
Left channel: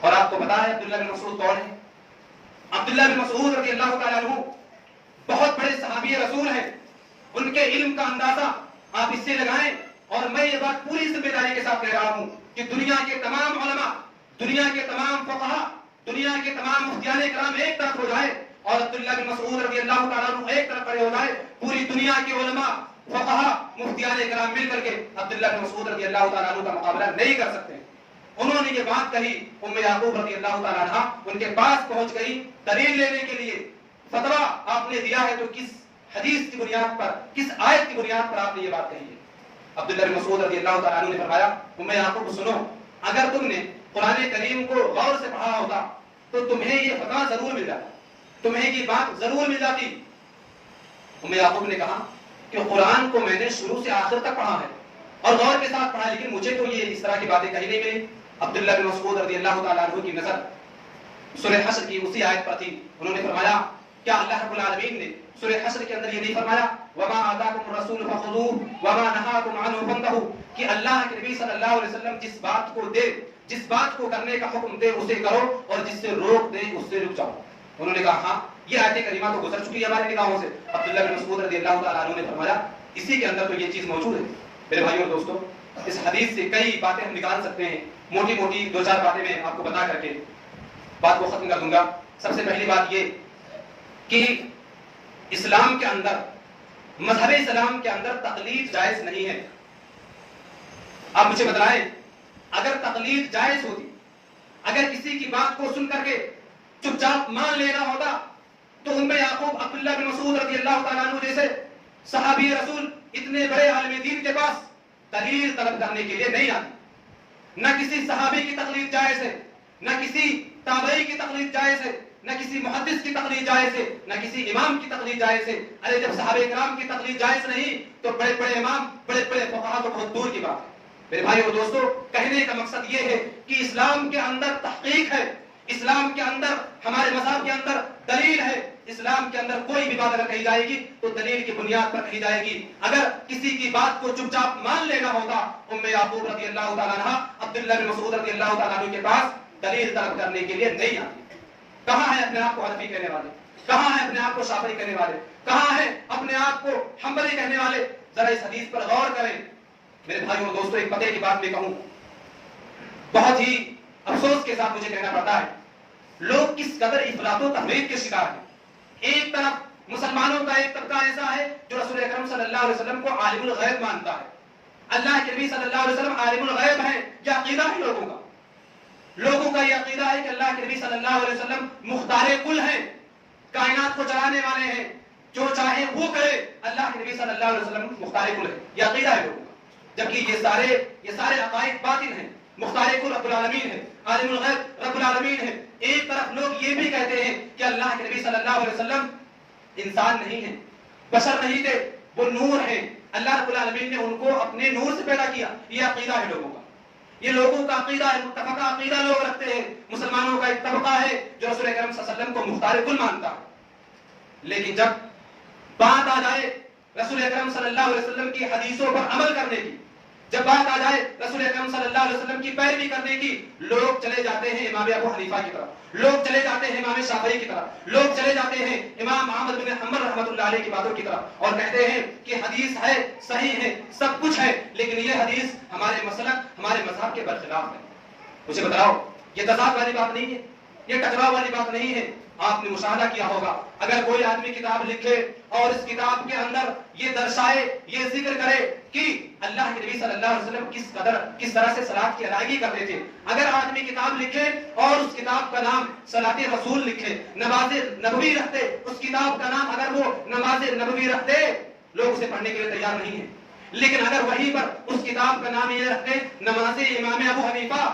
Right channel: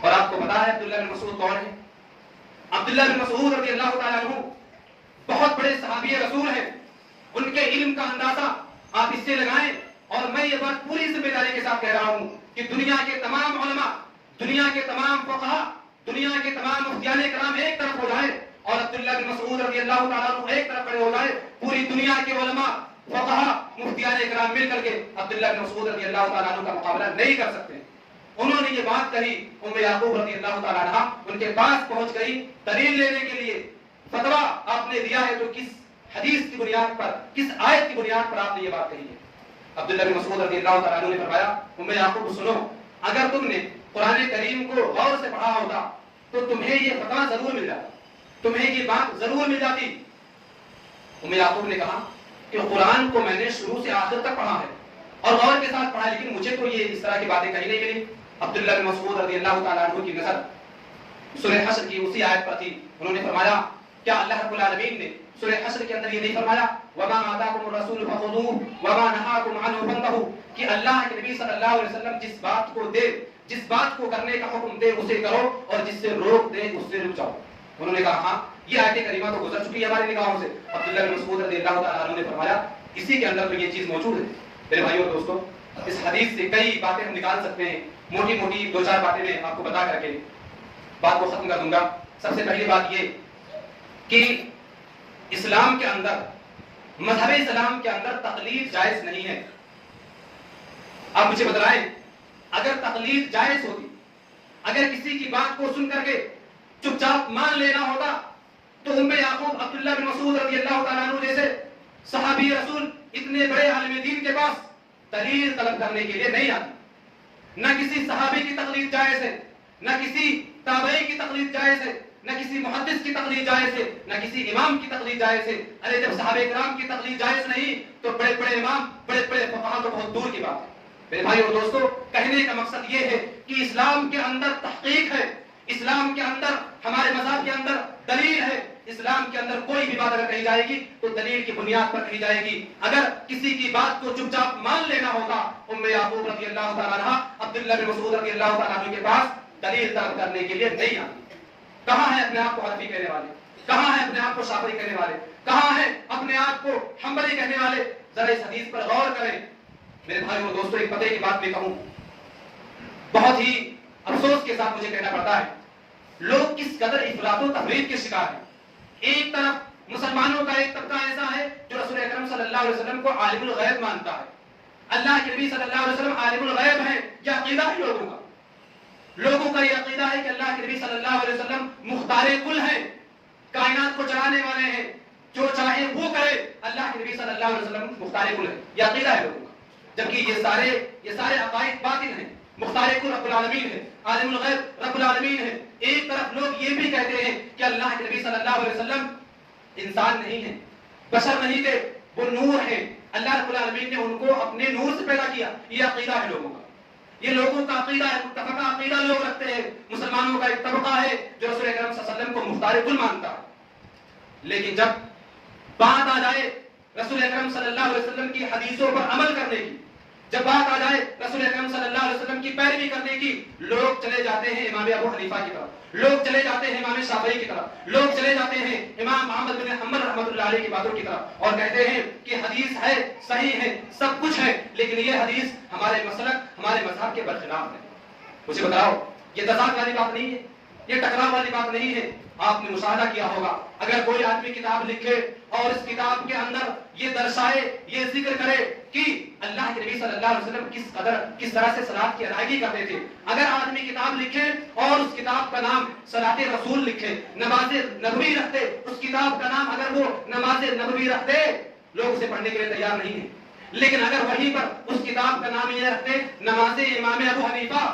اور آپ کو پتا ہے عبداللہ بن مسعود کون ہے؟ عبداللہ بن مسعود رضی اللہ تعالیٰ عنہ بہت بڑے صحابی رسول ہیں، ان کے علم کا اندازہ آپ اس سے لگائیں، اور میں یہ بات پوری ذمہ داری کے ساتھ کہہ رہا ہوں کہ دنیا کے تمام علماء، دنیا کے تمام فقہاء، دنیا کے تمام مفتیان کرام ایک طرف ہو جائے اور عبداللہ بن مسعود رضی اللہ تعالیٰ عنہ ایک طرف کھڑے ہو جائے، پوری دنیا کے علماء، فقہاء، مفتیان کرام مل کر کے عبداللہ بن مسعود رضی اللہ تعالیٰ عنہ کا مقابلہ نہیں کر سکتے۔ انہوں نے یہ بات کہی، ام یعقوب رضی اللہ تعالیٰ عنہ ان کے پاس پہنچ گئی دلیل لینے کے لیے، فتویٰ آپ نے دیا ہے تو کس حدیث کی بنیاد پر، کس آیت کی بنیاد پر آپ نے یہ بات کہی ہے؟ عبداللہ بن مسعود رضی اللہ تعالیٰ عنہ نے فرمایا، ام یعقوب سنو، اگر تم نے قرآن کریم کو غور سے پڑھا ہوتا تو تمہیں یہ فتویٰ ضرور مل جاتا، تمہیں یہ بات ضرور مل جاتی۔ ام یعقوب نے کہا کہ قرآن کو میں نے شروع سے آخر تک پڑھا ہے اور غور کے ساتھ پڑھا، لیکن مجھے تو یہ اس طرح کی باتیں کہی نہیں ملی۔ عبداللہ بن مسعود رضی اللہ تعالیٰ عنہ کی نظر سورہ حشر کی اسی آیت پر تھی۔ انہوں نے فرمایا، کیا اللہ رب العالمین نے سورہ حشر کے اندر یہ نہیں فرمایا وَمَا آتَاكُمُ الرَّسُولُ فَخُذُوهُ وَمَا نَهَاكُمْ عَنْهُ فَانْتَهُوا، کہ اللہ کے نبی صلی اللہ علیہ وسلم جس بات کو دے، جس بات کو کرنے کا حکم دے اسے کرو اور جس سے روک دے اس سے رک جاؤ۔ انہوں نے کہا ہاں یہ آیت کریمہ تو گزر چکی ہے ہمارے نگاہوں سے۔ عبداللہ بن مسعود رضی اللہ تعالیٰ عنہ نے فرمایا اسی کے اندر تو یہ چیز موجود ہے۔ میرے بھائیو اور دوستو، اس حدیث سے کئی باتیں ہم نکال سکتے ہیں، موٹی موٹی دو چار باتیں میں آپ کو بتا کر کے بات کو ختم کر دوں گا۔ سب سے پہلی بات یہ کہ اسلام کے اندر، مذہب اسلام کے اندر تقلید جائز نہیں ہے۔ آپ مجھے بتلائیں، اگر تقلید جائز ہوتی، اگر کسی کی بات کو سن کر کے چپ چاپ مان لینا ہوتا تو ام یعقوب، عبداللہ بن مسعود رضی اللہ تعالیٰ عنہ جیسے صحابی رسول، اتنے بڑے عالم دین کے پاس دلیل طلب کرنے کے لیے نہیں آتی۔ نہ کسی صحابی کی تقلید جائز ہے، نہ کسی تابعی کی تقلید جائز ہے، نہ کسی محدث کی تقلید جائز ہے، نہ کسی امام کی تقلید جائز ہے۔ ارے جب صحابہ کرام کی تقلید جائز نہیں تو بڑے بڑے امام، بڑے بڑے فقہاء تو بہت دور کی بات ہے۔ میرے بھائی اور دوستو، کہنے کا مقصد یہ ہے کہ اسلام کے اندر تحقیق ہے، اسلام کے اندر، ہمارے مذہب کے اندر دلیل ہے۔ اسلام کے اندر کوئی بھی بات اگر کہی جائے گی تو دلیل کی بنیاد پر کہی جائے گی۔ اگر کسی کی بات کو چپ چاپ مان لینا ہوتا، ام یعقوب رضی اللہ تعالیٰ عنہ عبداللہ بن مسعود رضی اللہ تعالیٰ عنہ کے پاس دلیل طلب کرنے کے لیے نہیں آتی۔ کہاں ہے اپنے آپ کو حنفی کہنے والے؟ کہاں ہے اپنے آپ کو شافعی کہنے والے؟ کہاں ہے اپنے آپ کو حنبلی کہنے والے؟ ذرا اس حدیث پر غور کریں۔ میرے بھائیوں اور دوستوں، ایک پتے کی بات میں کہوں، بہت ہی افسوس کے ساتھ مجھے کہنا پڑتا ہے، لوگ کس قدر افراط و تفریط کے شکار ہیں۔ ایک طرف مسلمانوں کا ایک طبقہ ایسا ہے جو رسول اکرم صلی اللہ علیہ وسلم کو عالم الغیب مانتا ہے، اللہ کے نبی صلی اللہ علیہ وسلم عالم الغیب ہیں، یہ عقیدہ ہے لوگوں کا یہ عقیدہ ہے کہ اللہ کے نبی صلی اللہ علیہ وسلم مختار کل ہیں، کائنات کو چلانے والے ہیں، جو چاہے وہ کرے، اللہ کے نبی صلی اللہ علیہ وسلم مختار کل ہے، یہ عقیدہ ہے لوگوں کا، جبکہ یہ سارے عقائد باطل ہیں۔ مختار کل رب العالمین ہے، عالم الغیب رب العالمین ہے۔ ایک طرف لوگ یہ بھی کہتے ہیں کہ اللہ کے نبی صلی اللہ علیہ وسلم انسان نہیں ہے، بشر نہیں تھے، وہ نور ہے، اللہ رب العالمین نے ان کو اپنے نور سے پیدا کیا، یہ عقیدہ ہے لوگوں کا، یہ لوگوں کا عقیدہ ہے، متفقہ عقیدہ لوگ رکھتے ہیں۔ مسلمانوں کا ایک طبقہ ہے جو رسول اکرم صلی اللہ علیہ وسلم کو مختار کل مانتا ہے، لیکن جب بات آ جائے رسول اکرم صلی اللہ علیہ وسلم کی حدیثوں پر عمل کرنے کی، جب بات آ جائے رسول اکرم صلی اللہ علیہ وسلم کی پیروی کرنے کی، لوگ چلے جاتے ہیں امام ابو حنیفہ کی طرف، لوگ چلے جاتے ہیں امام شافعی کی طرف، لوگ چلے جاتے ہیں امام احمد بن حنبل رحمۃ اللہ علیہ کی باتوں کی طرف، اور کہتے ہیں کہ حدیث ہے، صحیح ہے، سب کچھ ہے، لیکن یہ حدیث ہمارے مسلک، ہمارے مذہب کے برخلاف ہے۔ مجھے بتاؤ، یہ تضاد والی بات نہیں ہے، یہ ٹکراؤ والی بات نہیں ہے۔ آپ نے مشاہدہ کیا ہوگا، اگر کوئی آدمی کتاب لکھے اور اس کتاب کے اندر یہ درشائے، یہ ذکر کرے کہ اللہ کے نبی صلی اللہ علیہ وسلم کس طرح سے صلاۃ کی ادائیگی کرتے تھے، اگر آدمی کتاب لکھے اور اس کتاب کا نام صلاۃ رسول لکھے، نماز نبوی رکھتے، اس کتاب کا نام اگر وہ نماز نبوی رکھتے، لوگ اسے پڑھنے کے لیے تیار نہیں ہیں۔ لیکن اگر وہیں پر اس کتاب کا نام یہ رکھتے نماز امام ابو حنیفہ،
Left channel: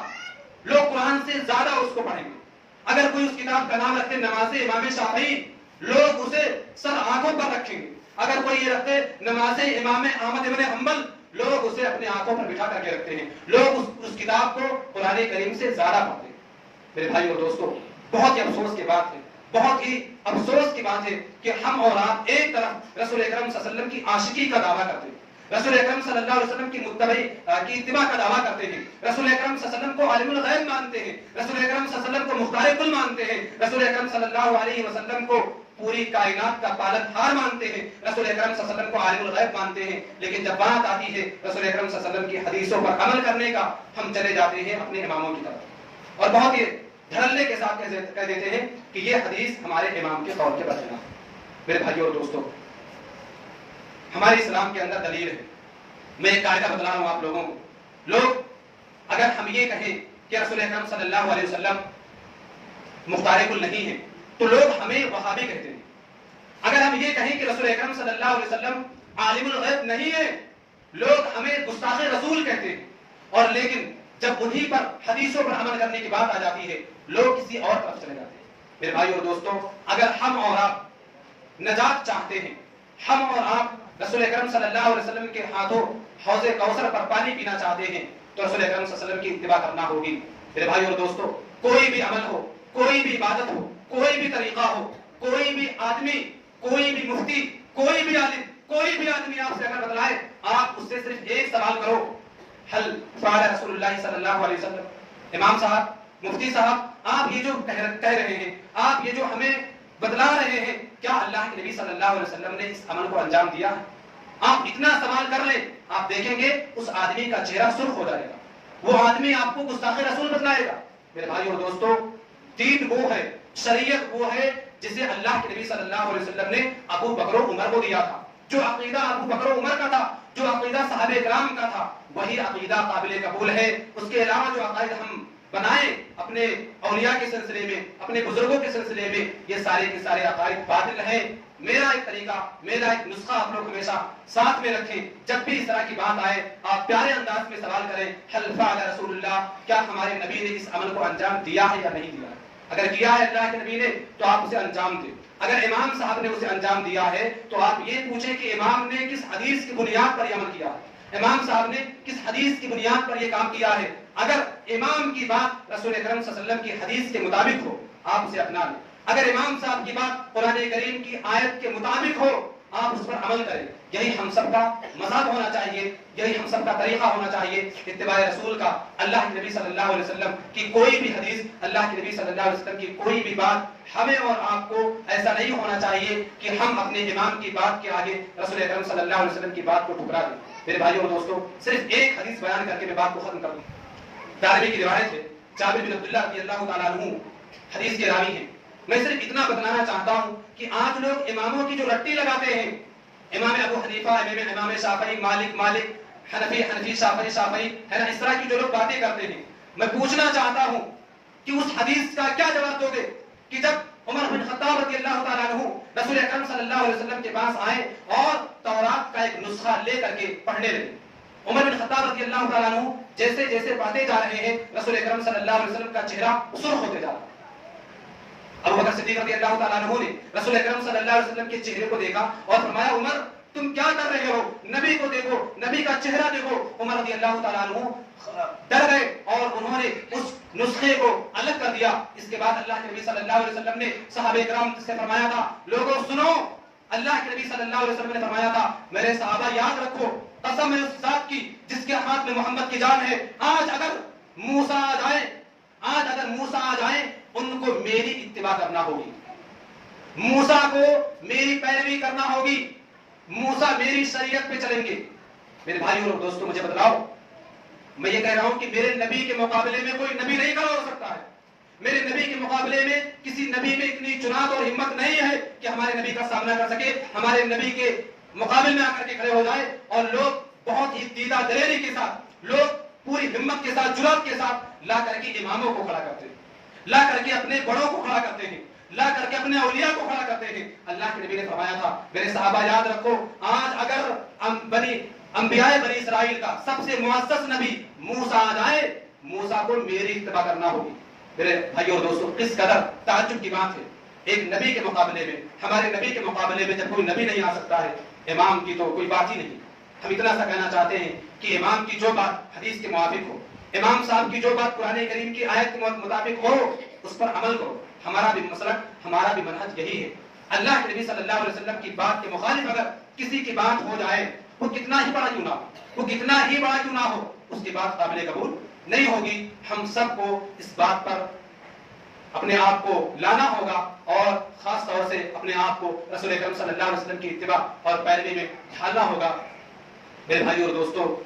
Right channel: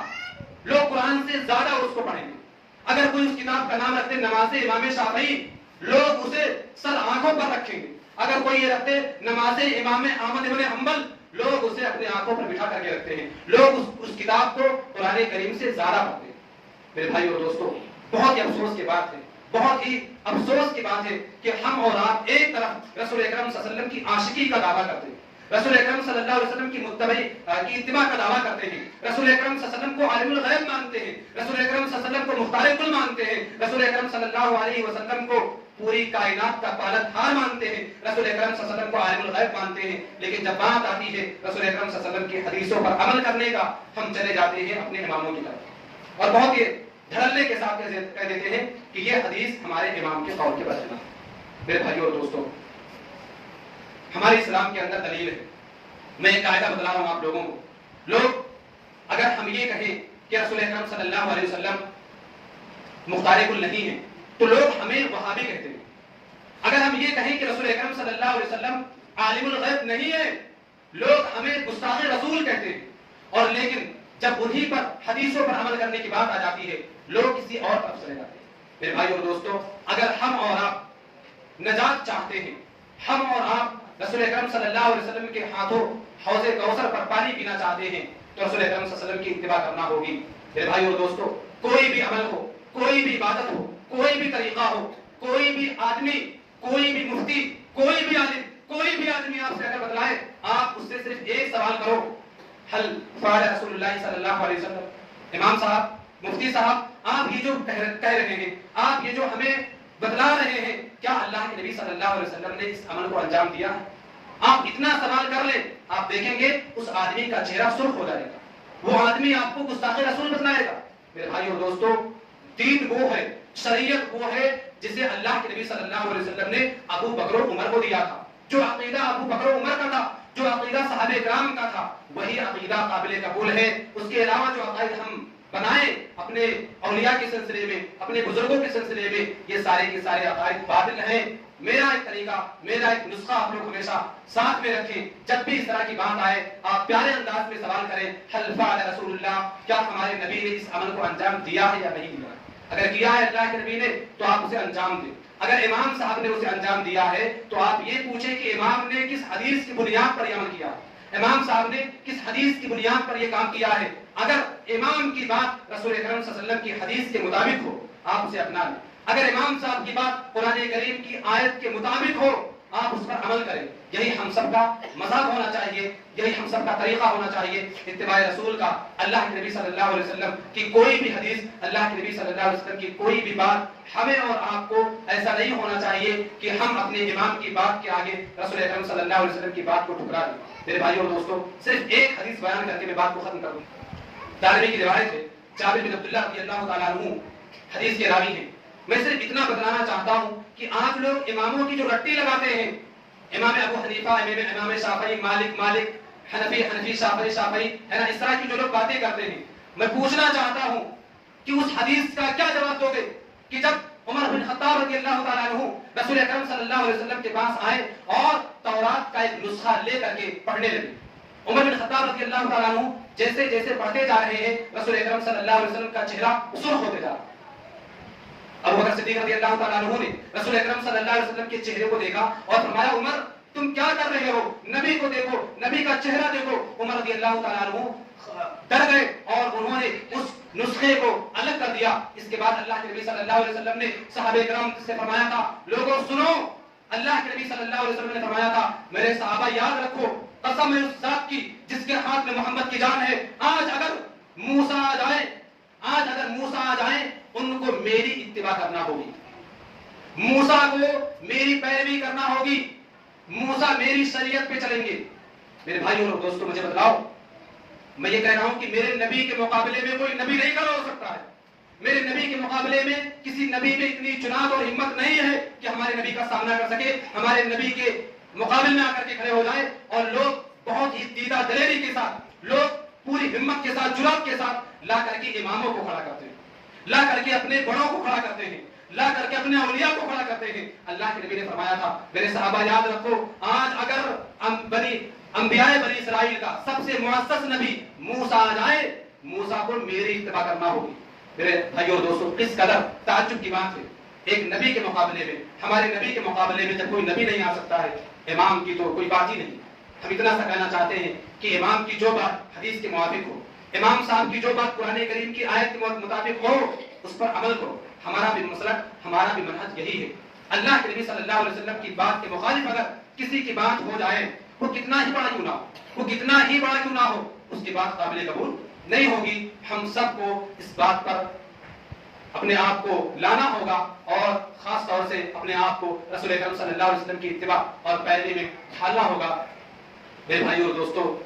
لوگ قرآن سے زیادہ اس کو پڑھیں گے۔ اگر کوئی اس کتاب کا نام رکھتے نماز امام شافعی، لوگ اسے سر آنکھوں پر رکھیں گے۔ اگر کوئی یہ رکھتے نماز امام احمد بن حنبل، لوگ اسے اپنے آنکھوں پر بٹھا کر کے رکھتے ہیں، لوگ اس کتاب کو قرآن کریم سے زیادہ پڑھتے ہیں۔ میرے بھائی اور دوستو، بہت ہی افسوس کی بات ہے، بہت ہی افسوس کی بات ہے کہ ہم اور آپ ایک طرف رسول اکرم صلی اللہ علیہ وسلم کی عاشقی کا دعویٰ کرتے ہیں، رسول اکرم صلی اللہ علیہ وسلم کی اتباع کا دعویٰ کرتے ہیں، رسول اکرم صلی اللہ علیہ وسلم کو عالم الغیب مانتے ہیں، رسول اکرم صلی اللہ علیہ وسلم کو مختار کل مانتے ہیں، رسول اکرم صلی اللہ علیہ وسلم کو پوری کائنات کا پالن ہار مانتے ہیں، رسول اکرم صلی اللہ علیہ وسلم کو عالم الغیب مانتے ہیں، لیکن جب بات آتی ہے رسول اکرم صلی اللہ علیہ وسلم کی حدیثوں پر عمل کرنے کا، ہم چلے جاتے ہیں اپنے اماموں کی طرف اور بہت ہی دھڑلے کے ساتھ کہہ دیتے ہیں کہ یہ حدیث ہمارے امام کے قول کے برخلاف۔ میرے بھائیوں اور دوستوں، ہمارے اسلام کے اندر دلیل ہے۔ میں ایک قاعدہ بتلا رہا ہوں آپ لوگوں کو، لوگ اگر ہم یہ کہیں کہ رسول اکرم صلی اللہ علیہ وسلم مختار کل نہیں ہے تو لوگ ہمیں وہابی کہتے ہیں۔ اگر ہم یہ کہیں کہ رسول اکرم صلی اللہ علیہ وسلم عالم الغیب نہیں ہے، لوگ ہمیں گستاخ رسول کہتے ہیں۔ اور لیکن جب انہی پر حدیثوں پر عمل کرنے کی بات آ جاتی ہے، لوگ کسی اور طرف چلے جاتے ہیں۔ میرے بھائیو اور دوستوں، اگر ہم اور آپ نجات چاہتے ہیں، ہم اور آپ رسول اکرم صلی اللہ علیہ وسلم کے ہاتھوں حوض کوثر پر پانی پینا چاہتے ہیں تو رسول اکرم صلی اللہ علیہ وسلم کی اتباع کرنا ہوگی۔ میرے بھائیو اور دوستوں، کوئی بھی عمل ہو، کوئی بھی عبادت ہو، کوئی بھی طریقہ ہو، کوئی بھی آدمی، کوئی بھی مفتی، کوئی بھی عالم، کوئی بھی آدمی آپ سے اگر بتلائے، آپ اس سے صرف ایک سوال کرو، حل فعل رسول اللہ صلی اللہ علیہ وسلم۔ امام صاحب، مفتی صاحب، آپ یہ جو کہہ رہے ہیں، آپ یہ جو ہمیں بتلا رہے ہیں، کیا اللہ کے نبی صلی اللہ علیہ وسلم نے اس عمل کو انجام دیا ہے؟ آپ اتنا سوال کر لیں، آپ دیکھیں گے اس آدمی کا چہرہ سرخ ہو جائے گا، وہ آدمی آپ کو گستاخ رسول بتلائے گا۔ میرے بھائیو اور دوستوں، دین وہ ہے، شریعت وہ ہے جسے اللہ کے نبی صلی اللہ علیہ وسلم نے ابو بکر و عمر کو دیا تھا۔ جو عقیدہ ابو بکر و عمر کا تھا، جو عقیدہ صحابہ کرام کا تھا، وہی عقیدہ قابل قبول ہے۔ اس کے علاوہ جو عقائد ہم بنائے اپنے اولیاء کے سلسلے میں، اپنے بزرگوں کے سلسلے میں، یہ سارے کے سارے عقائد باطل ہیں۔ میرا ایک طریقہ، میرا ایک نسخہ آپ لوگ ہمیشہ ساتھ میں رکھیں، جب بھی اس طرح کی بات آئے آپ پیارے انداز میں سوال کریں، حل فعل رسول اللہ، کیا ہمارے نبی نے اس عمل کو انجام دیا ہے یا نہیں دیا؟ اگر کیا ہے اللہ کے نبی نے تو آپ اسے انجام دیں۔ اگر امام صاحب نے اسے انجام دیا ہے تو آپ یہ پوچھیں کہ امام نے کس حدیث کی بنیاد پر یہ عمل کیا، امام صاحب نے کس حدیث کی بنیاد پر یہ کام کیا ہے۔ اگر امام کی بات رسول اکرم صلی اللہ علیہ وسلم کی حدیث کے مطابق ہو، آپ اسے اپنا لیں۔ اگر امام صاحب کی بات قرآن کریم کی آیت کے مطابق ہو، آپ اس پر عمل کریں۔ یہی ہم سب کا مذہب ہونا چاہیے، یہی ہم سب کا طریقہ ہونا چاہیے اتباع رسول کا۔ اللہ کے نبی صلی اللہ علیہ وسلم کی کوئی بھی حدیث، اللہ کے نبی صلی اللہ علیہ وسلم کی کوئی بھی بات، ہمیں اور آپ کو ایسا نہیں ہونا چاہیے کہ ہم اپنے امام کی بات کے آگے رسول اکرم صلی اللہ علیہ وسلم کی بات کو ٹھکرا دیں۔ میرے بھائیوں اور دوستوں، صرف ایک حدیث بیان کر کے میں بات کو ختم کروں۔ دارمی کی روایت ہے، جابر بن عبداللہ رضی اللہ تعالیٰ عنہ حدیث کے راوی ہیں۔ میں صرف اتنا بتلانا چاہتا ہوں کہ آج لوگ اماموں کی جو رٹی لگاتے ہیں، امام ابو حنیفہ، امام شافعی، مالک، حنفی، شافعی ہے نا، اس طرح کی جو لوگ باتیں کرتے ہیں، میں پوچھنا چاہتا ہوں کہ اس حدیث کا کیا جواب دو گے کہ جب عمر بن خطاب رضی اللہ تعالیٰ عنہ رسول اکرم صلی اللہ علیہ وسلم کے پاس آئے اور تورات کا ایک نسخہ لے کر کے پڑھنے لگے، عمر بن خطاب رضی اللہ تعالیٰ عنہ جیسے جیسے پڑھتے جا رہے ہیں، رسول اکرم صلی اللہ علیہ وسلم کا چہرہ سرخ ہوتے جا رہا ہے۔ ابو بکر صدیق رضی اللہ تعالیٰ عنہ نے رسول اکرم صلی اللہ علیہ وسلم کے چہرے کو دیکھا اور فرمایا، عمر تم کیا کر رہے ہو؟ نبی کو دیکھو، نبی کا چہرہ دیکھو۔ عمر رضی اللہ تعالیٰ عنہ ڈر گئے اور انہوں نے اس نسخے کو الگ کر دیا۔ اس کے بعد اللہ کے نبی صلی اللہ علیہ وسلم نے صحابہ کرام سے فرمایا تھا، لوگوں سنو، اللہ کے نبی صلی اللہ علیہ وسلم نے فرمایا تھا، میرے صحابہ یاد رکھو، قسم ہے اس ذات کی جس کے ہاتھ میں محمد کی جان ہے، آج اگر موسیٰ آ جائیں ان کو میری اتباع کرنا ہوگی، موسیٰ کو میری پیروی کرنا ہوگی، موسیٰ میری شریعت پہ چلیں گے۔ میرے بھائیوں اور دوستوں، مجھے بتلاؤ، میں یہ کہہ رہا ہوں کہ میرے نبی کے مقابلے میں کوئی نبی نہیں کھڑا ہو سکتا ہے، میرے نبی کے مقابلے میں کسی نبی میں اتنی جرأت اور ہمت نہیں ہے کہ ہمارے نبی کا سامنا کر سکے، ہمارے نبی کے مقابل میں آ کر کے کھڑے ہو جائے۔ اور لوگ بہت ہی دیدہ دلیری کے ساتھ، لوگ پوری ہمت کے ساتھ، جرأت کے ساتھ لا کر کے اماموں کو کھڑا کرتے ہیں، لا کر کے اپنے بڑوں کو کھڑا کرتے ہیں، لا کر کے اپنے اولیاء کو کھڑا کرتے ہیں۔ اللہ کے نبی نے فرمایا تھا، میرے صحابہ یاد رکھو، آج اگر انبیاء بنی اسرائیل کا سب سے معزز نبی موسیٰ آ جائے، موسیٰ کو میری اتباع کرنا ہوگی۔ میرے بھائیوں اور دوستوں، کس قدر تعجب کی بات ہے، ایک نبی کے مقابلے میں، ہمارے نبی کے مقابلے میں جب کوئی نبی نہیں آ سکتا ہے، امام کی تو کوئی بات ہی نہیں۔ ہم اتنا سا کہنا چاہتے ہیں کہ امام کی جو بات حدیث کے موافق ہو، امام صاحب کی جو بات قرآن کریم کی آیت کے مطابق ہو، اس پر عمل کرو۔ ہمارا بھی مسلک، ہمارا بھی منہج یہی ہے۔ اللہ کے نبی صلی اللہ علیہ وسلم کی بات کے مخالف اگر کسی کی بات ہو جائے وہ کتنا ہی بڑا کیوں نہ ہو، وہ کتنا ہی بڑا کیوں نہ ہو، اس کی بات قابل قبول نہیں ہوگی۔ ہم سب کو اس بات پر اپنے آپ کو لانا ہوگا اور خاص طور سے اپنے آپ کو رسول اکرم صلی اللہ علیہ وسلم کی اتباع اور پیروی میں ڈھالنا ہوگا۔ میرے بھائیو اور دوستو،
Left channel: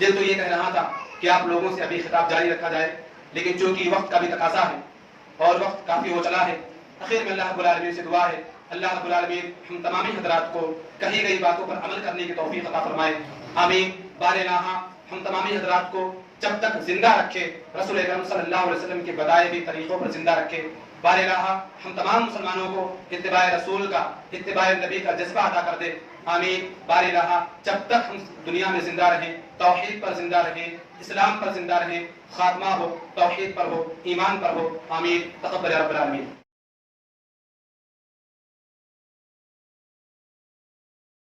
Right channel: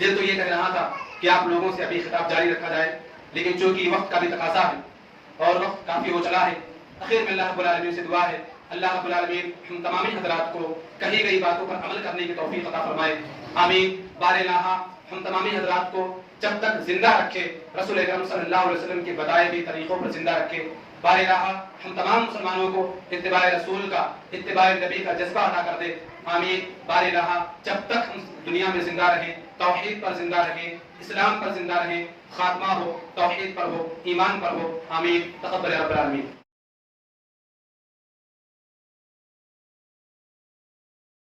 دل تو یہ کہہ رہا تھا کہ آپ لوگوں سے ابھی خطاب جاری رکھا جائے، لیکن چونکہ وقت کا بھی تقاضا ہے اور وقت کافی ہو چلا ہے، اخیر میں اللہ رب العالمین سے دعا ہے اللہ رب العالمین ہم تمامی حضرات کو کہی گئی باتوں پر عمل کرنے کی توفیق عطا فرمائے، آمین۔ بار الہ ہم تمامی حضرات کو جب تک زندہ رکھے، رسول اکرم صلی اللہ علیہ وسلم کے بتائے ہوئے طریقوں پر زندہ رکھے۔ بار الہ ہم تمام مسلمانوں کو اتباع رسول کا، اتباع نبی کا جذبہ عطا کر دے، آمین۔ بار الہ جب تک ہم دنیا میں زندہ رہیں، توحید پر زندہ رہیں، اسلام پر زندہ رہیں، خاتمہ ہو توحید پر ہو، ایمان پر ہو، آمین۔ تقبل رب العالمین۔